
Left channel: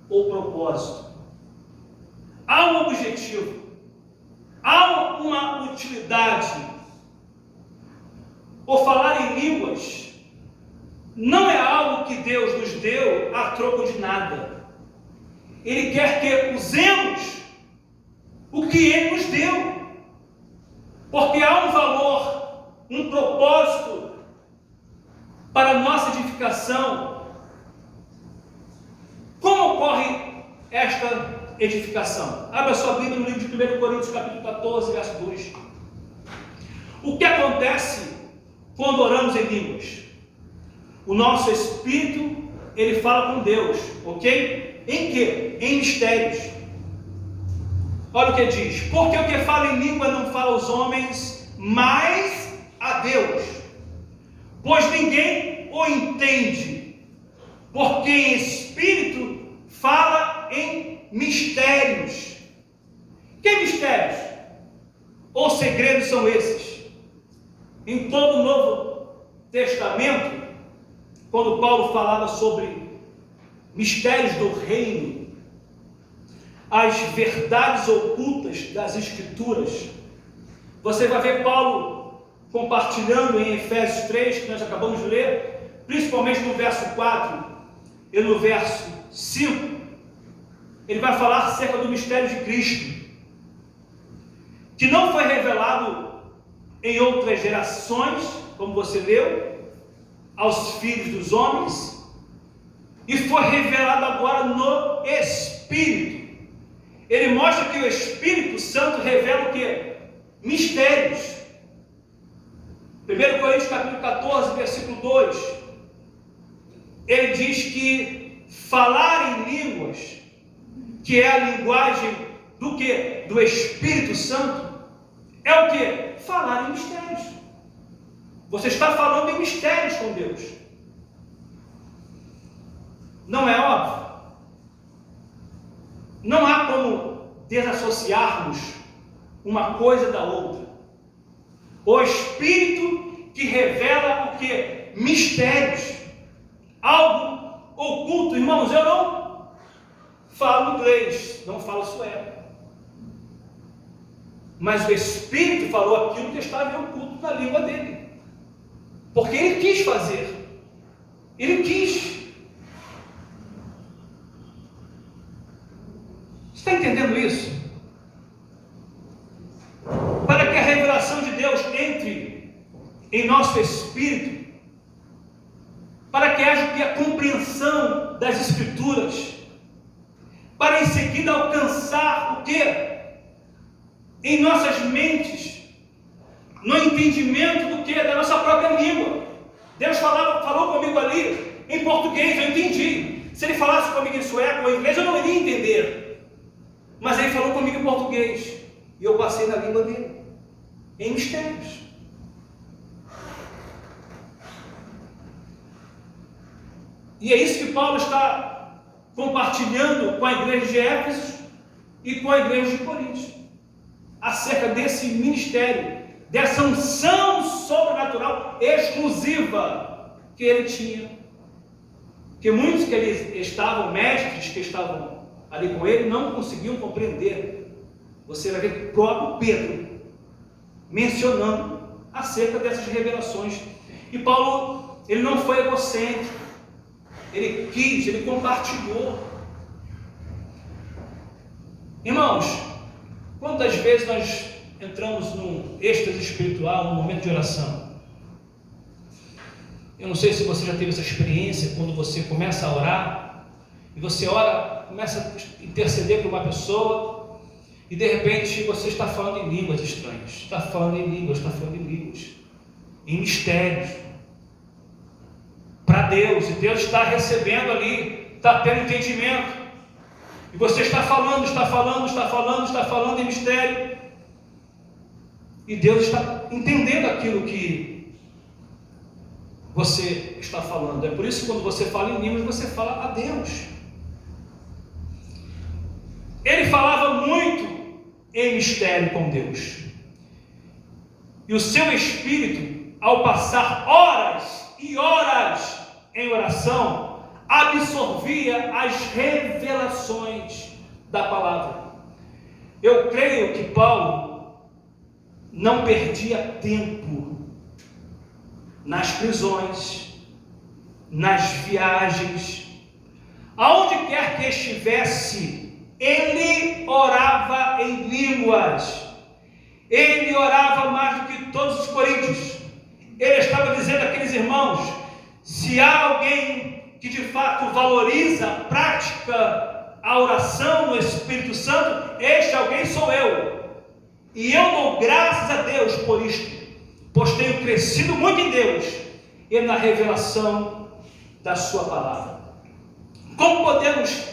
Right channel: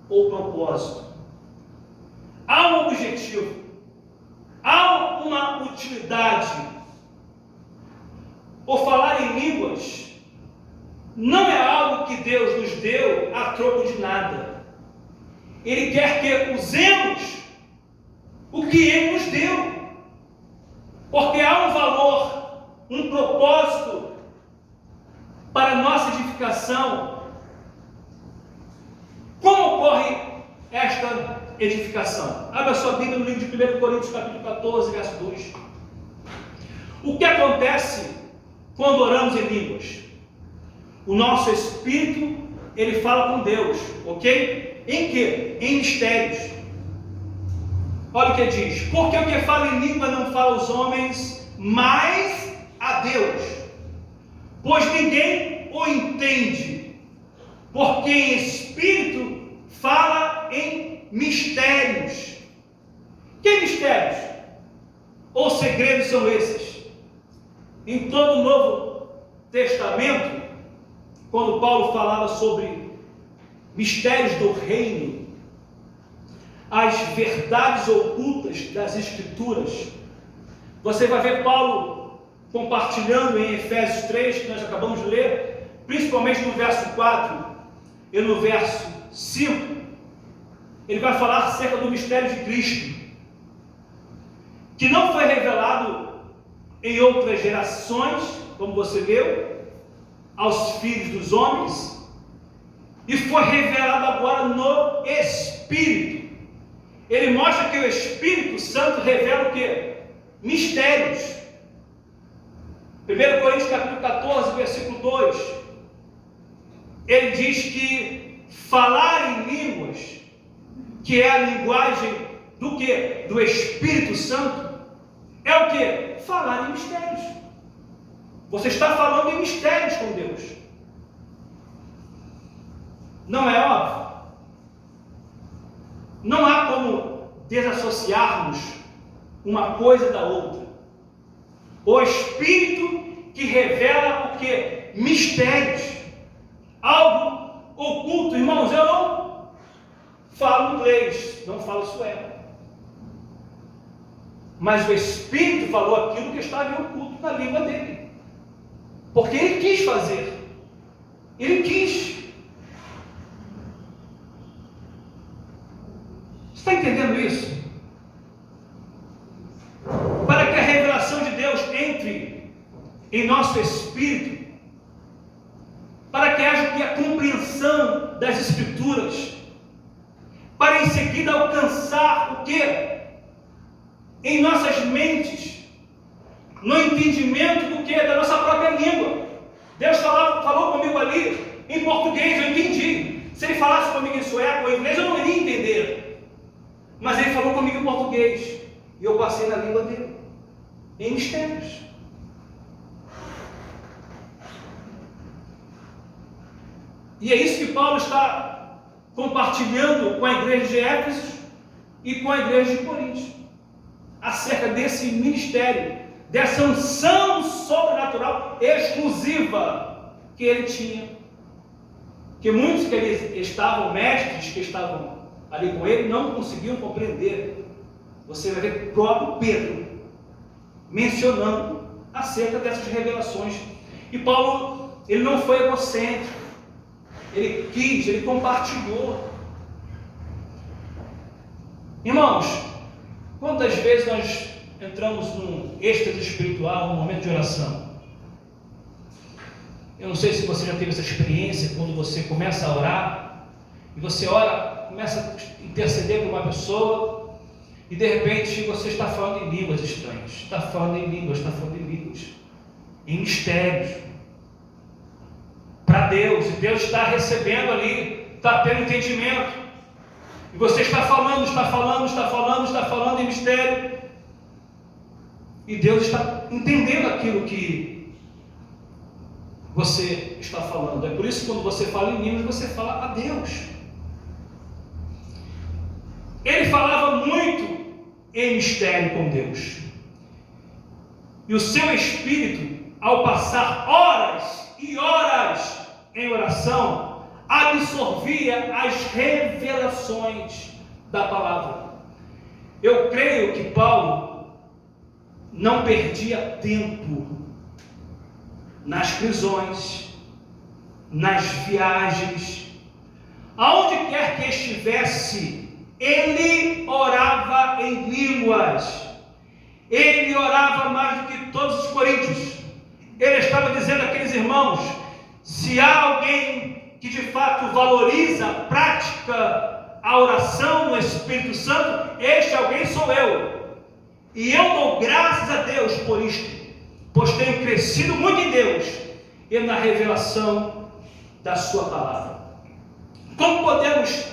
ou propósito. Há um objetivo, há uma utilidade. O falar em línguas não é algo que Deus nos deu a troco de nada. Ele quer que usemos o que Ele nos deu. Porque há um valor, um propósito para a nossa edificação. Como ocorre esta edificação? Abra sua Bíblia no livro de 1 Coríntios capítulo 14, verso 2. O que acontece quando oramos em línguas? O nosso espírito, ele fala com Deus, ok? Em quê? Em mistérios. Olha o que diz: porque o que fala em língua não fala aos homens, mas a Deus, pois ninguém o entende, porque em espírito fala em mistérios. Que mistérios ou segredos são esses? Em todo o Novo Testamento, quando Paulo falava sobre mistérios do reino, as verdades ocultas das Escrituras, você vai ver Paulo compartilhando em Efésios 3, que nós acabamos de ler, principalmente no verso 4 e no verso 5, ele vai falar acerca do mistério de Cristo, que não foi revelado em outras gerações, como você leu, aos filhos dos homens, e foi revelado agora no Espírito. Ele mostra que o Espírito Santo revela o quê? Mistérios. 1 Coríntios capítulo 14, versículo 2, ele diz que falar em línguas, que é a linguagem do quê? Do Espírito Santo, é o quê? Falar em mistérios. Você está falando em mistérios com Deus. Não é óbvio? Não há como desassociarmos uma coisa da outra. O Espírito que revela o que? Mistérios. Algo oculto. Irmãos, eu não falo inglês, não falo sueco. Mas o Espírito falou aquilo que estava oculto na língua dele. Porque ele quis fazer. Ele quis. Você está entendendo isso? Para que a revelação de Deus entre em nosso espírito, para que haja a compreensão das Escrituras, para em seguida alcançar o que? Em nossas mentes, no entendimento do que? Da nossa própria língua. Deus falou comigo ali em português, eu entendi. Se ele falasse comigo em sueco ou em inglês, eu não iria entender. Mas ele falou comigo em português, e eu passei na língua dele, em mistérios. E é isso que Paulo está compartilhando com a igreja de Éfeso e com a igreja de Corinto, acerca desse ministério, dessa unção sobrenatural exclusiva que ele tinha. Que muitos que estavam, mestres que estavam ali com ele, não conseguiam compreender. Você vai ver o próprio Pedro mencionando acerca dessas revelações. E Paulo, ele não foi egocêntrico, ele quis, ele compartilhou. Irmãos, quantas vezes nós entramos num êxtase espiritual, num momento de oração? Eu não sei se você já teve essa experiência, quando você começa a orar, e você ora, começa a interceder por uma pessoa, e de repente você está falando em línguas estranhas, está falando em línguas, em mistérios, para Deus, e Deus está recebendo ali, está tendo entendimento, e você está falando em mistério, e Deus está entendendo aquilo que você está falando. É por isso que quando você fala em línguas, você fala a Deus. Ele falava muito em mistério com Deus, e o seu espírito, ao passar horas e horas em oração, absorvia as revelações da palavra. Eu creio que Paulo não perdia tempo nas prisões, nas viagens, aonde quer que estivesse, ele orava em línguas. Ele orava mais do que todos os coríntios. Ele estava dizendo àqueles irmãos: se há alguém que de fato valoriza, pratica a oração no Espírito Santo, este alguém sou eu. E eu dou graças a Deus por isto, pois tenho crescido muito em Deus e na revelação da sua palavra. Como podemos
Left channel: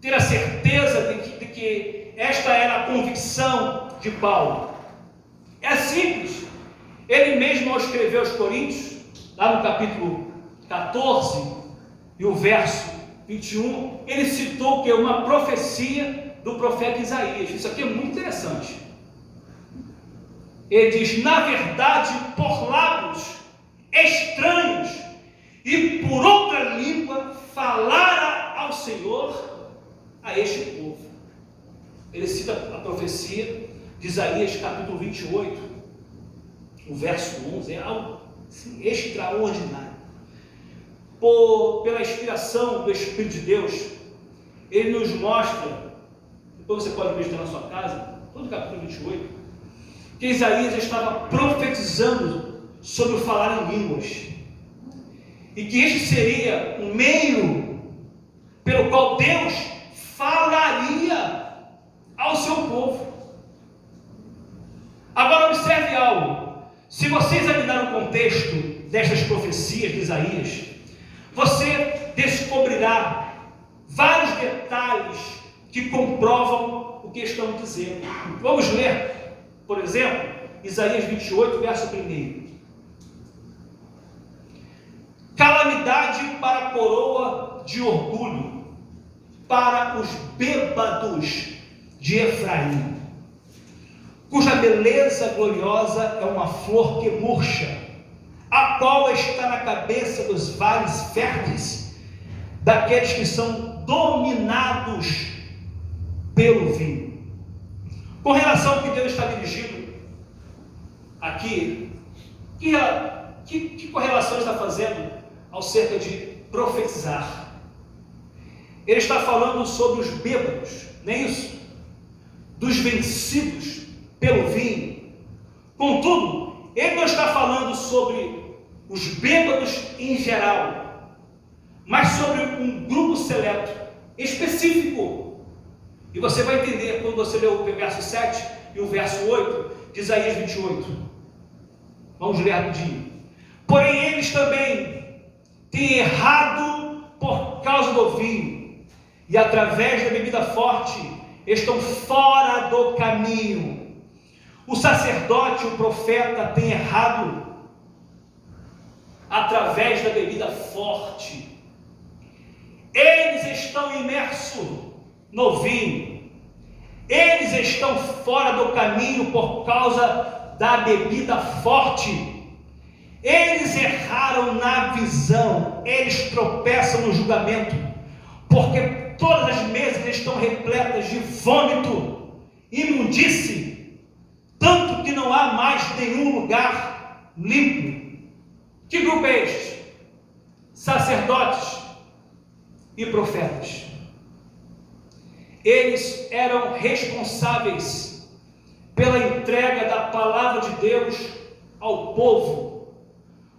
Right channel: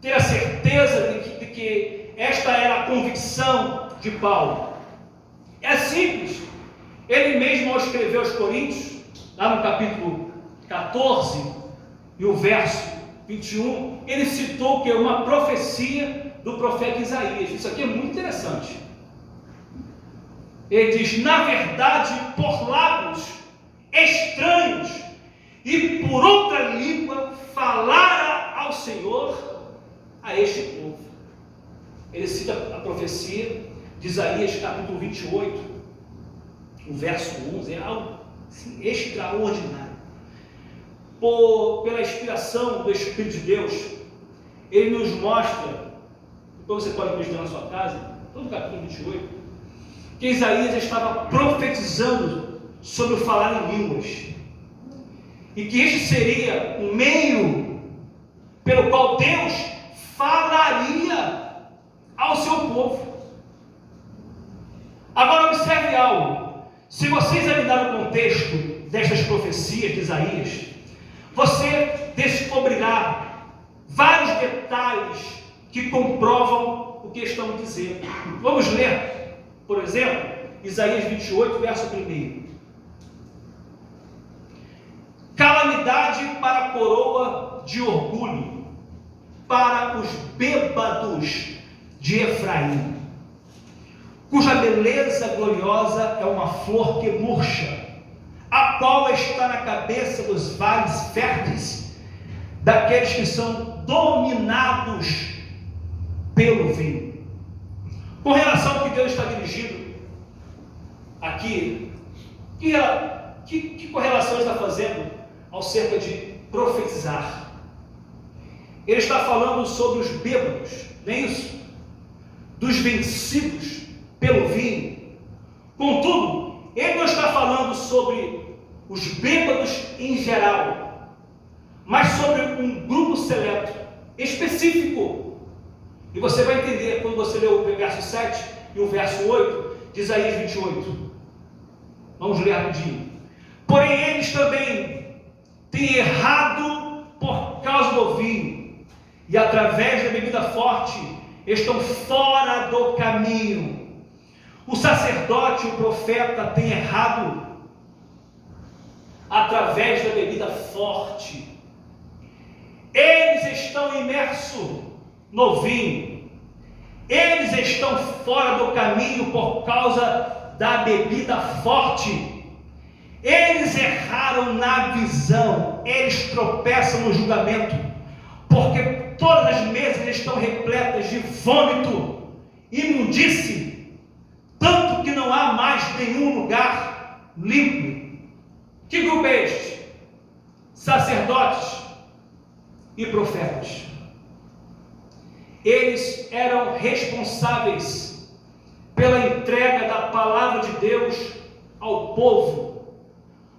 ter a certeza de que esta era a convicção de Paulo? É simples. Ele mesmo, ao escrever aos Coríntios, lá no capítulo 14 e o verso 21, ele citou que é uma profecia do profeta Isaías. Isso aqui é muito interessante. Ele diz: na verdade, por lábios estranhos e por outra língua falara ao Senhor a este povo. Ele cita a profecia de Isaías capítulo 28, o verso 11, é algo assim, extraordinário. pela inspiração do Espírito de Deus, ele nos mostra, depois você pode meditar na sua casa, todo o capítulo 28, que Isaías estava profetizando sobre o falar em línguas, e que este seria um meio pelo qual Deus falaria ao seu povo. Agora observe algo. Se você examinar o contexto destas profecias de Isaías, você descobrirá vários detalhes que comprovam o que estão dizendo. Vamos ler, por exemplo, Isaías 28, verso 1. Calamidade para a coroa de orgulho, para os bêbados de Efraim, cuja beleza gloriosa é uma flor que murcha, a qual está na cabeça dos vales férteis, daqueles que são dominados pelo vinho. Com relação ao que Deus está dirigindo aqui, que correlação está fazendo acerca de profetizar? Ele está falando sobre os bêbados, não é isso? Dos vencidos pelo vinho. Contudo, ele não está falando sobre os bêbados em geral, mas sobre um grupo seleto, específico. E você vai entender quando você ler o verso 7 e o verso 8 de Isaías 28. Vamos ler rapidinho. Porém, eles também têm errado por causa do vinho, e através da bebida forte estão fora do caminho. O sacerdote, o profeta, tem errado através da bebida forte. Eles estão imersos no vinho. Eles estão fora do caminho por causa da bebida forte. Eles erraram na visão. Eles tropeçam no julgamento, porque todas as mesas estão repletas de vômito, imundície, tanto que não há mais nenhum lugar limpo. Que grupo é este? Sacerdotes e profetas. Eles eram responsáveis pela entrega da palavra de Deus ao povo.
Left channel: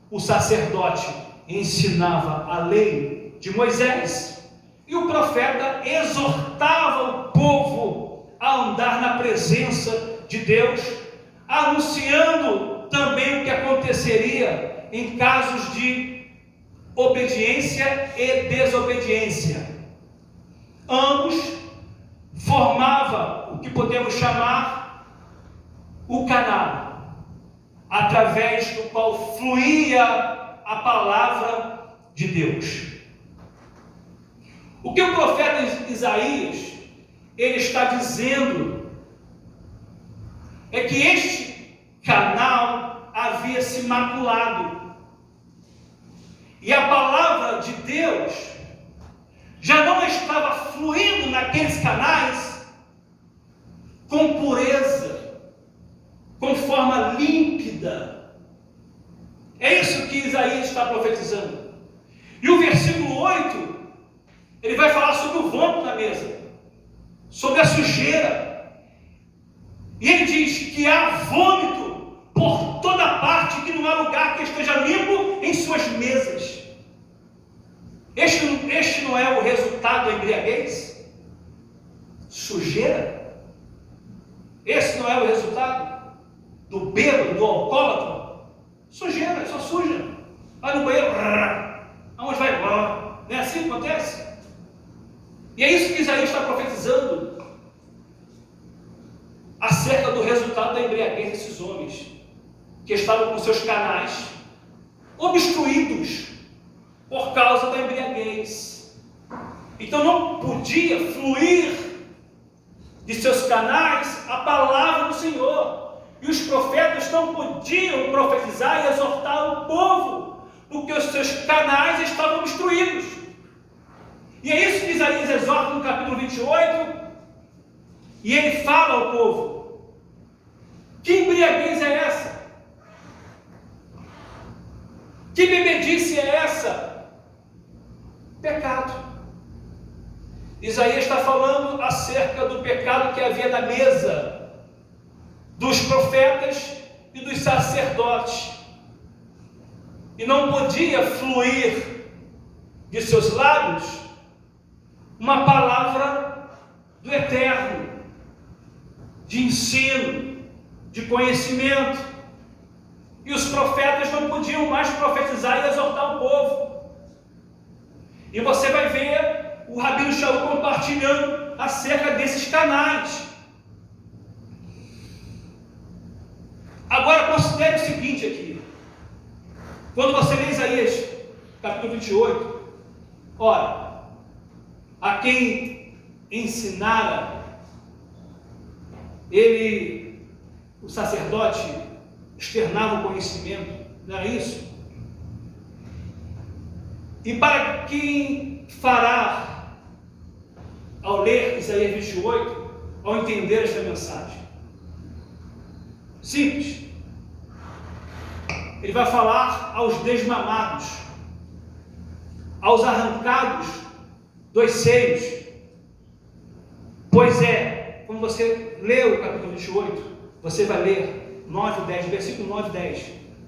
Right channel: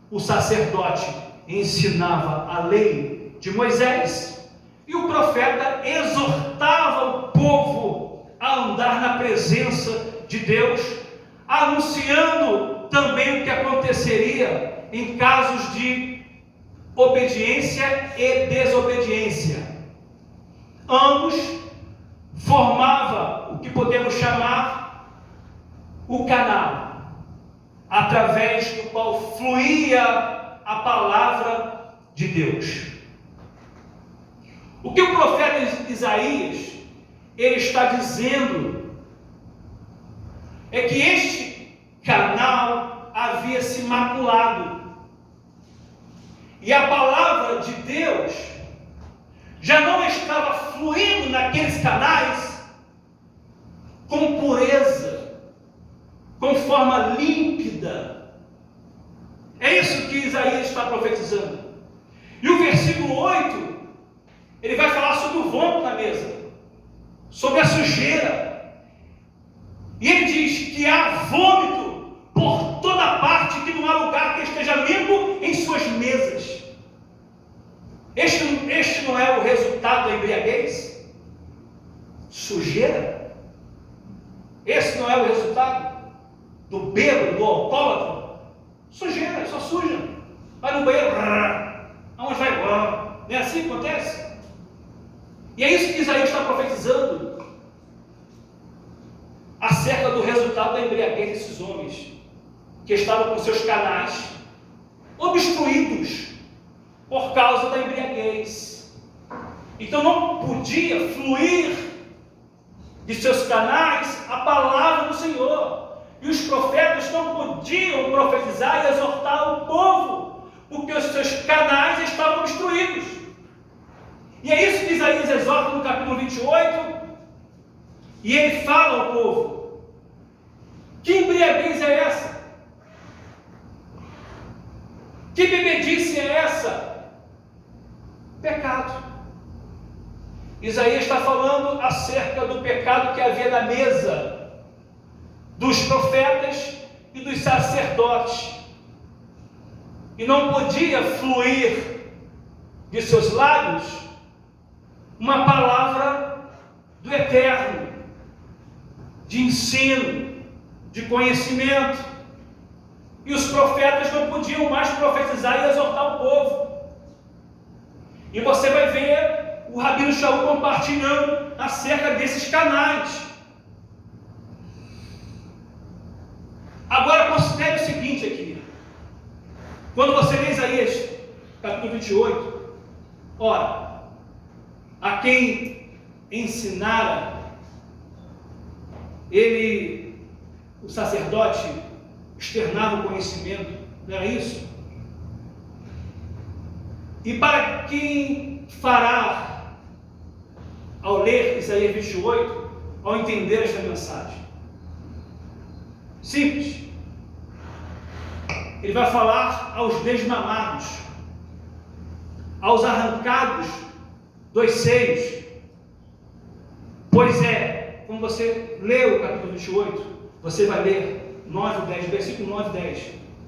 O sacerdote ensinava a lei de Moisés, e o profeta exortava o povo a andar na presença de Deus, anunciando também o que aconteceria em casos de obediência e desobediência. Ambos formavam o que podemos chamar o canal, através do qual fluía a palavra de Deus. O que o profeta Isaías ele está dizendo é que este canal havia se maculado, e a palavra de Deus já não estava fluindo naqueles canais com pureza, com forma límpida. É isso que Isaías está profetizando. E o versículo 8, ele vai falar sobre o vômito na mesa, sobre a sujeira. E ele diz que há vômito por toda parte, que não há lugar que esteja limpo em suas mesas. Este não é o resultado da embriaguez? Sujeira? Esse não é o resultado do bêbado, do alcoólatra? Sujeira, só suja. Vai no banheiro, aonde vai? Não é assim que acontece? E é isso que Isaías está profetizando acerca do resultado da embriaguez desses homens, que estavam com seus canais obstruídos por causa da embriaguez. Então não podia fluir de seus canais a palavra do Senhor, e os profetas não podiam profetizar e exortar o povo, porque os seus canais estavam obstruídos. E é isso que Isaías exorta no capítulo 28, e ele fala ao povo: que embriaguez é essa? Que bebedice é essa? Pecado. Isaías está falando acerca do pecado que havia na mesa dos profetas e dos sacerdotes. E não podia fluir de seus lábios uma palavra do Eterno, de ensino, de conhecimento. E os profetas não podiam mais profetizar e exortar o povo. E você vai ver o Rabino Shaul compartilhando acerca desses canais. Agora considere o seguinte aqui. Quando você lê Isaías, capítulo 28, ora, a quem ensinara, o sacerdote, externava o conhecimento, não é isso? E para quem fará, ao ler Isaías 28, ao entender esta mensagem? Simples. Ele vai falar aos desmamados, aos arrancados dos seios. Pois é, quando você lê o capítulo 28, você vai ler 9 e 10, versículo 9 e 10,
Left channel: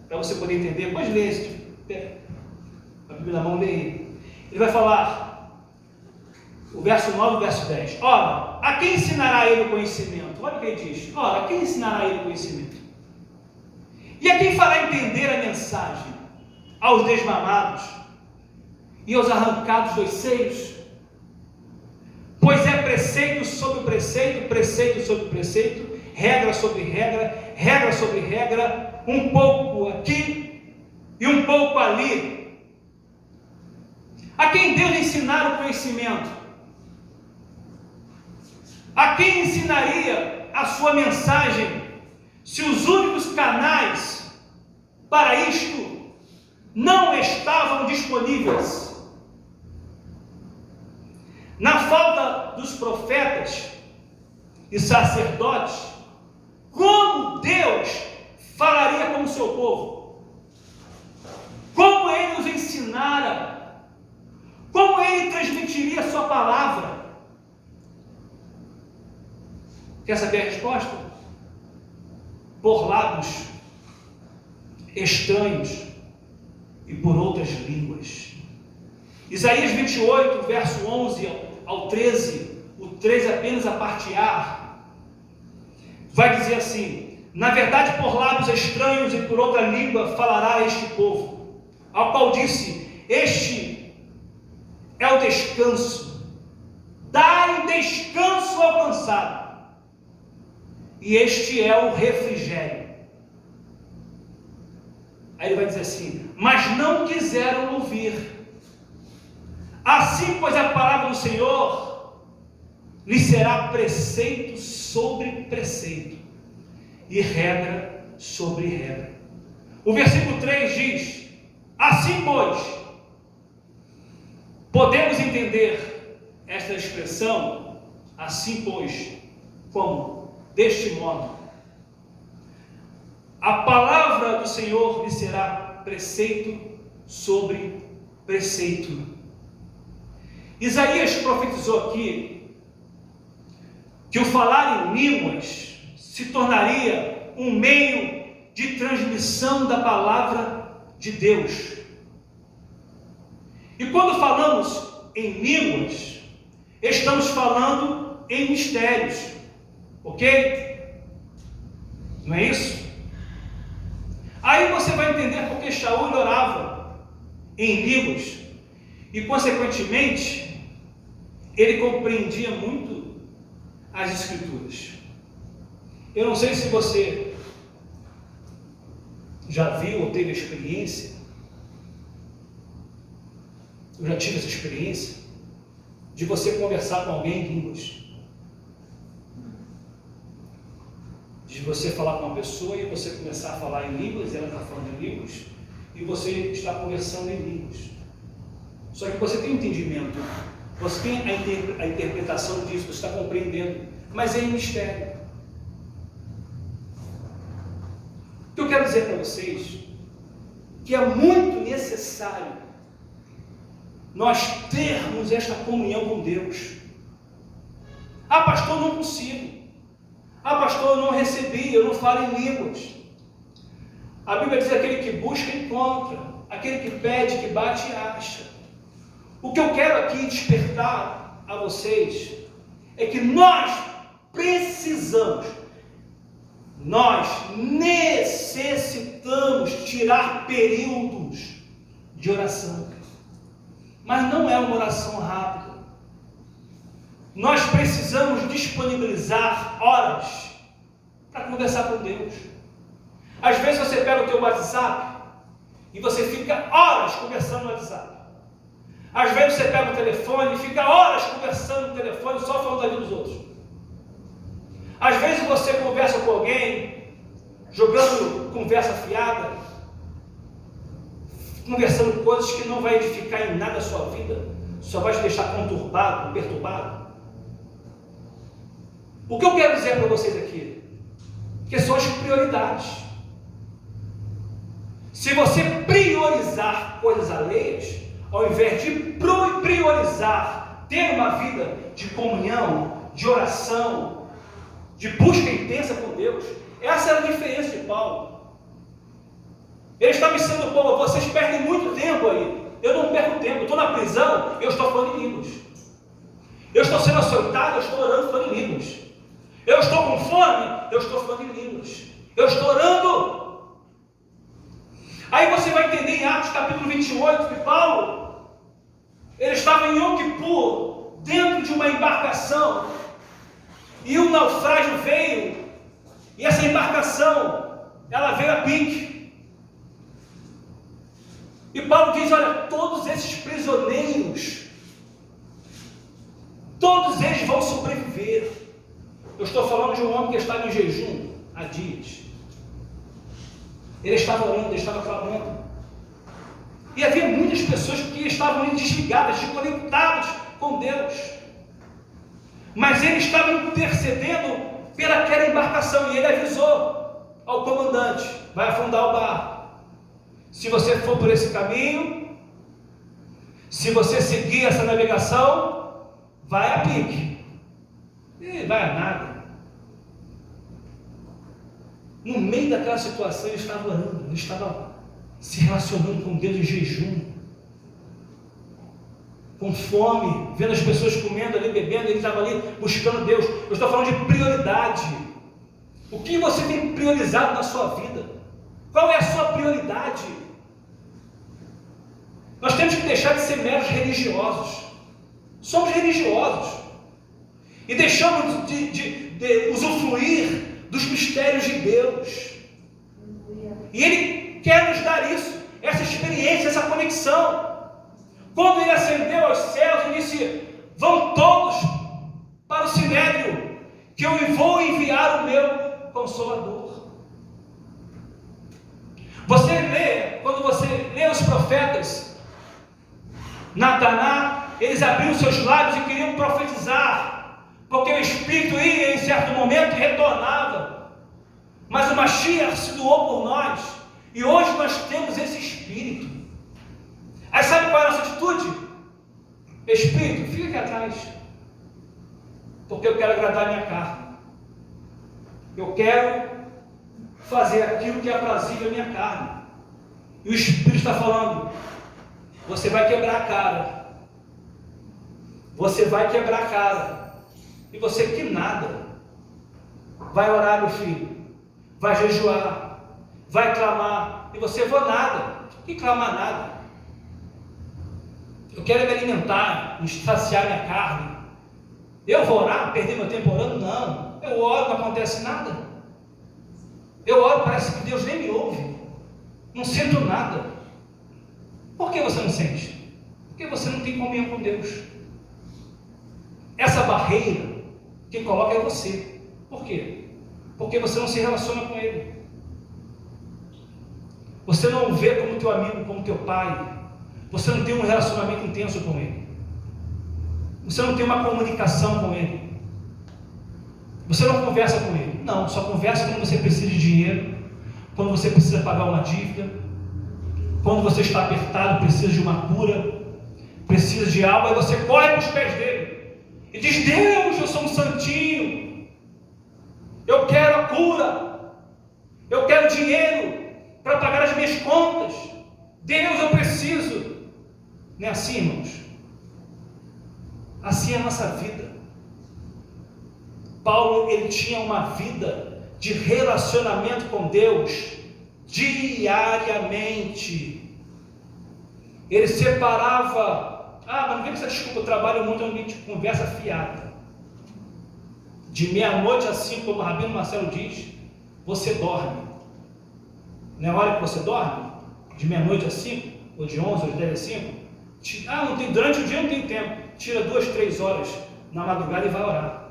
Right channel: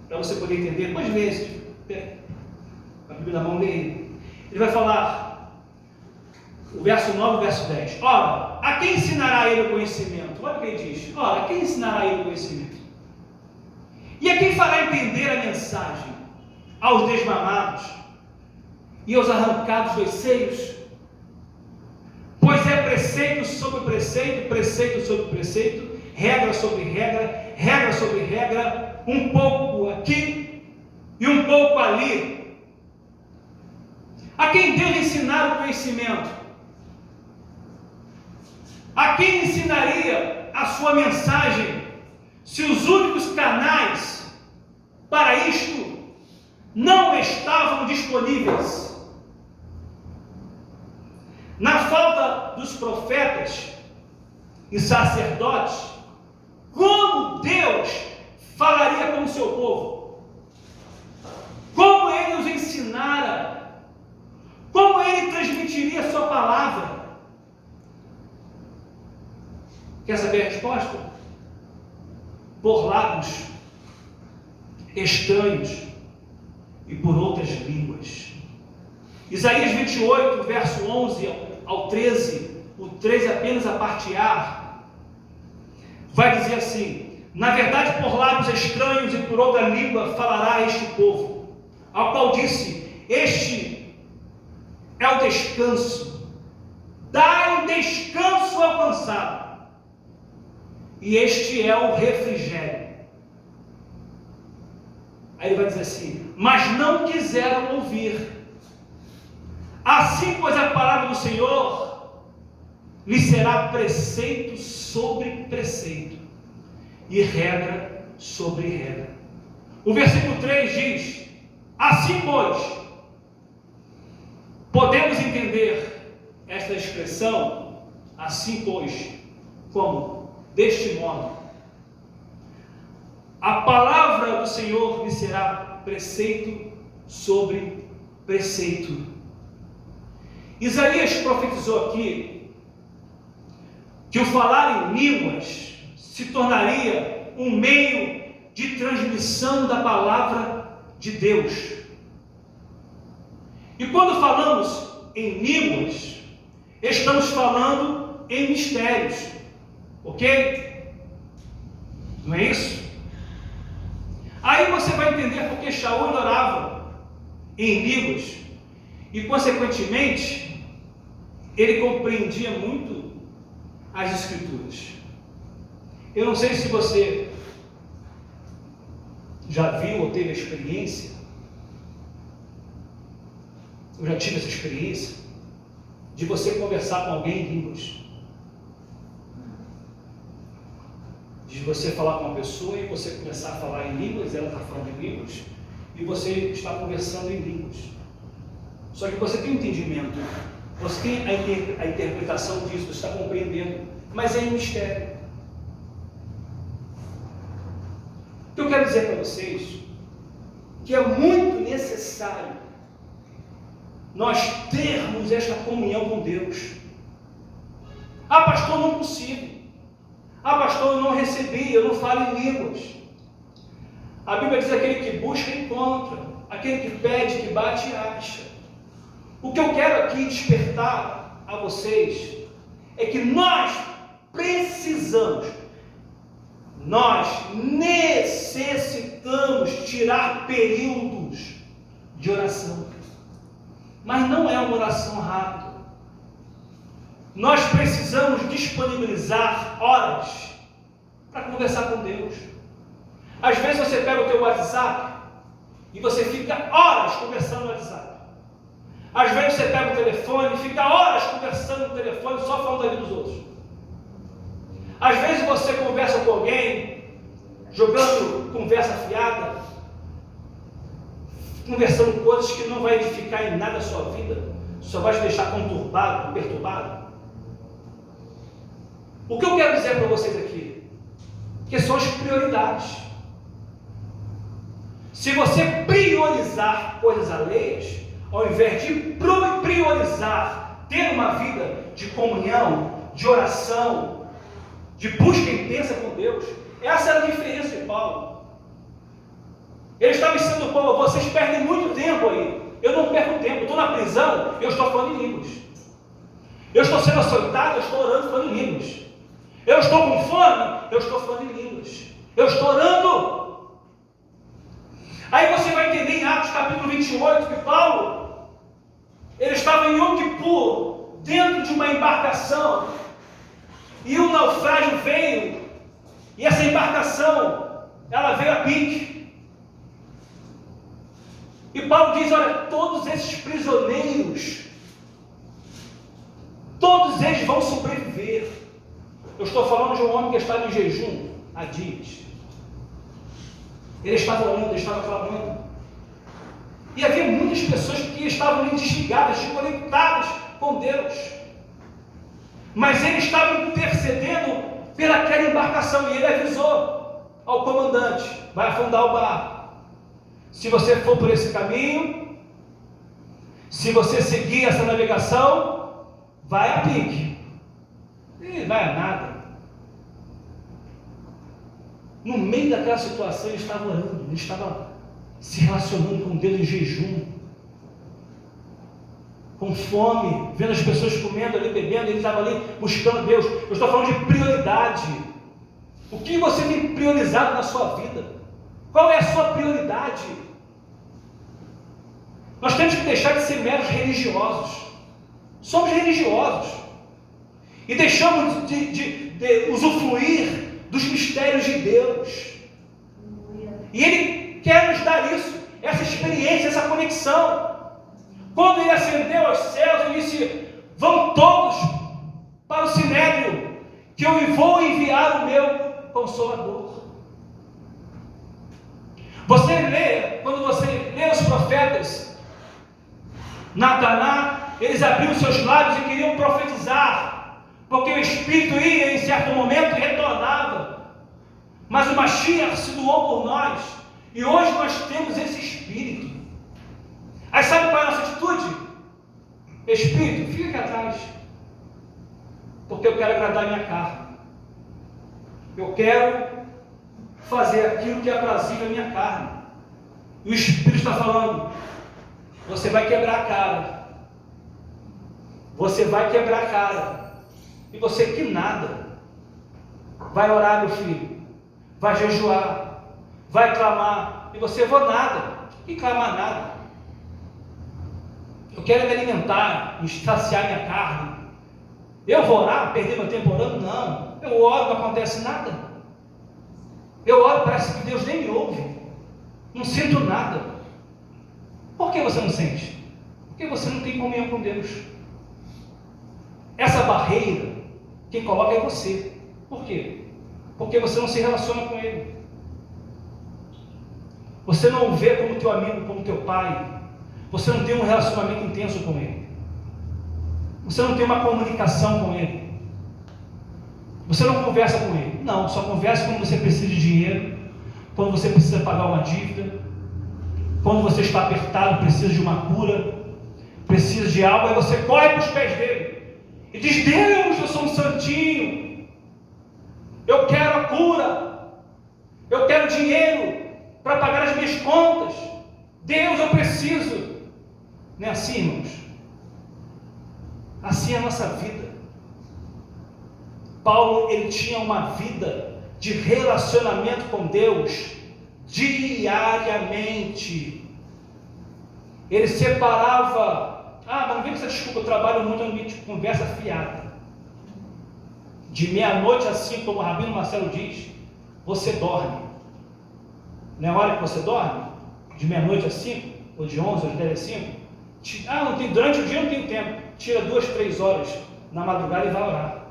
para você poder entender. Pode ler, a Bíblia na mão dele. Ele vai falar, o verso 9 e o verso 10. Ora, a quem ensinará ele o conhecimento? Olha o que ele diz. Ora, a quem ensinará ele o conhecimento? E a quem fará entender a mensagem? Aos desmamados e aos arrancados dos seios? Pois é preceito sobre preceito, preceito sobre preceito, regra sobre regra, regra sobre regra, um pouco aqui e um pouco ali. A quem Deus ensinar o conhecimento? A quem ensinaria a sua mensagem, se os únicos canais para isto não estavam disponíveis? Na falta dos profetas e sacerdotes, como Deus falaria com o seu povo? Como Ele os ensinara? Como Ele transmitiria a sua palavra? Quer saber a resposta? Por lábios estranhos e por outras línguas. Isaías 28, verso 11 ao 13, o 13 apenas a parte A, vai dizer assim: na verdade, por lábios estranhos e por outra língua falará este povo, ao qual disse: este é o descanso, dai descanso ao cansado, e este é o refrigério. Aí ele vai dizer assim: mas não quiseram ouvir. Assim, pois, a palavra do Senhor lhe será preceito sobre preceito e regra sobre regra. O versículo 3 diz: assim, pois, podemos entender esta expressão, assim, pois, como? Deste modo, a palavra do Senhor lhe será preceito sobre preceito. Isaías profetizou aqui que o falar em línguas se tornaria um meio de transmissão da palavra de Deus. E quando falamos em línguas, estamos falando em mistérios, ok? Não é isso? Aí você vai entender porque Shaul orava em línguas e, consequentemente, ele compreendia muito as Escrituras. Eu não sei se você já viu ou teve a experiência, eu já tive essa experiência, de você conversar com alguém em línguas. De você falar com uma pessoa e você começar a falar em línguas, ela está falando em línguas, e você está conversando em línguas. Só que você tem um entendimento, você tem a interpretação disso, você está compreendendo, mas é um mistério. O que eu quero dizer para vocês, que é muito necessário nós termos esta comunhão com Deus. Ah, pastor, não consigo. Ah, pastor, eu não recebi, eu não falo em línguas. A Bíblia diz: aquele que busca, encontra. Aquele que pede, que bate, acha. O que eu quero aqui despertar a vocês é que nós precisamos, nós necessitamos tirar períodos de oração. Mas não é uma oração rápida. Nós precisamos disponibilizar horas para conversar com Deus. Às vezes você pega o teu WhatsApp e você fica horas conversando no WhatsApp. Às vezes você pega o telefone e fica horas conversando no telefone, só falando da vida dos outros. Às vezes você conversa com alguém, jogando conversa fiada, conversando coisas que não vai edificar em nada a sua vida, só vai te deixar conturbado, perturbado. O que eu quero dizer para vocês aqui? Que são as prioridades. Se você priorizar coisas alheias, ao invés de priorizar ter uma vida de comunhão, de oração, de busca intensa com Deus, essa era a diferença de Paulo. Ele estava ensinando o povo: vocês perdem muito tempo aí. Eu não perco tempo, eu estou na prisão, eu estou falando em línguas. Eu estou sendo açoitado, eu estou orando, falando em línguas. Eu estou com fome, eu estou falando em línguas. Eu estou orando. Aí você vai entender em Atos capítulo 28 que Paulo, ele estava em Yom Kippur, dentro de uma embarcação, e um naufrágio veio, e essa embarcação, ela veio a pique. E Paulo diz: olha, todos esses prisioneiros, todos eles vão sobreviver. Eu estou falando de um homem que estava em jejum há dias. Ele estava orando, ele estava clamando. E havia muitas pessoas que estavam ali desligadas, desconectadas com Deus. Mas ele estava intercedendo pelaquela embarcação. E ele avisou ao comandante: vai afundar o barco. Se você for por esse caminho, se você seguir essa navegação, vai a pique. E vai a nada. No meio daquela situação, ele estava orando, ele estava se relacionando com Deus em jejum, com fome, vendo as pessoas comendo ali, bebendo, ele estava ali buscando Deus. Eu estou falando de prioridade. O que você tem priorizado na sua vida? Qual é a sua prioridade? Nós temos que deixar de ser meros religiosos. Somos religiosos e deixamos de usufruir dos mistérios de Deus. E Ele quer nos dar isso, essa experiência, essa conexão. Quando Ele ascendeu aos céus, Ele disse: vão todos para o Sinédrio, que eu vou enviar o meu Consolador. Você lê, quando você lê os profetas, Nataná, eles abriram seus lábios e queriam profetizar, porque o Espírito ia em certo momento e retornava. Mas o Mashiach se doou por nós, e hoje nós temos esse Espírito. Aí sabe qual é a nossa atitude? Espírito, fica aqui atrás, porque eu quero agradar a minha carne. Eu quero fazer aquilo que é aprazível à minha carne. E o Espírito está falando: você vai quebrar a cara. Você vai quebrar a cara. E você que nada. Vai orar, meu filho. Vai jejuar. Vai clamar. E você: vou nada. Que clamar nada? Eu quero me alimentar, me saciar minha carne. Eu vou orar, perder meu tempo orando? Não. Eu oro, não acontece nada. Eu oro, parece que Deus nem me ouve. Não sinto nada. Por que você não sente? Porque você não tem comunhão com Deus. Essa barreira, quem coloca é você. Por quê? Porque você não se relaciona com Ele. Você não o vê como teu amigo, como teu pai. Você não tem um relacionamento intenso com Ele. Você não tem uma comunicação com Ele. Você não conversa com Ele. Não, só conversa quando você precisa de dinheiro, quando você precisa pagar uma dívida, quando você está apertado, precisa de uma cura. precisa de algo, aí você corre para os pés dele e diz: Deus, eu sou um santinho, eu quero a cura, eu quero dinheiro para pagar as minhas contas, Deus, eu preciso. Não é assim, irmãos? Assim é a nossa vida. Paulo, ele tinha uma vida de relacionamento com Deus diariamente. Ele separava, mas não vem com essa desculpa, eu trabalho muito, ambiente de conversa fiada. De meia-noite às 5, como o Rabino Marcelo diz, você dorme. Não é a hora que você dorme? De meia-noite às 5, ou de 11, ou de 10 às 5? Não tem, durante o dia não tem tempo. Tira 2, 3 horas na madrugada e vai orar.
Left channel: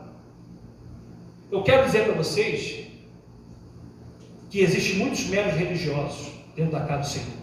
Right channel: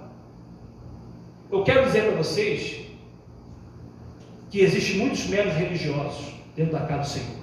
Eu quero dizer para vocês que existem muitos meros religiosos dentro da casa do Senhor.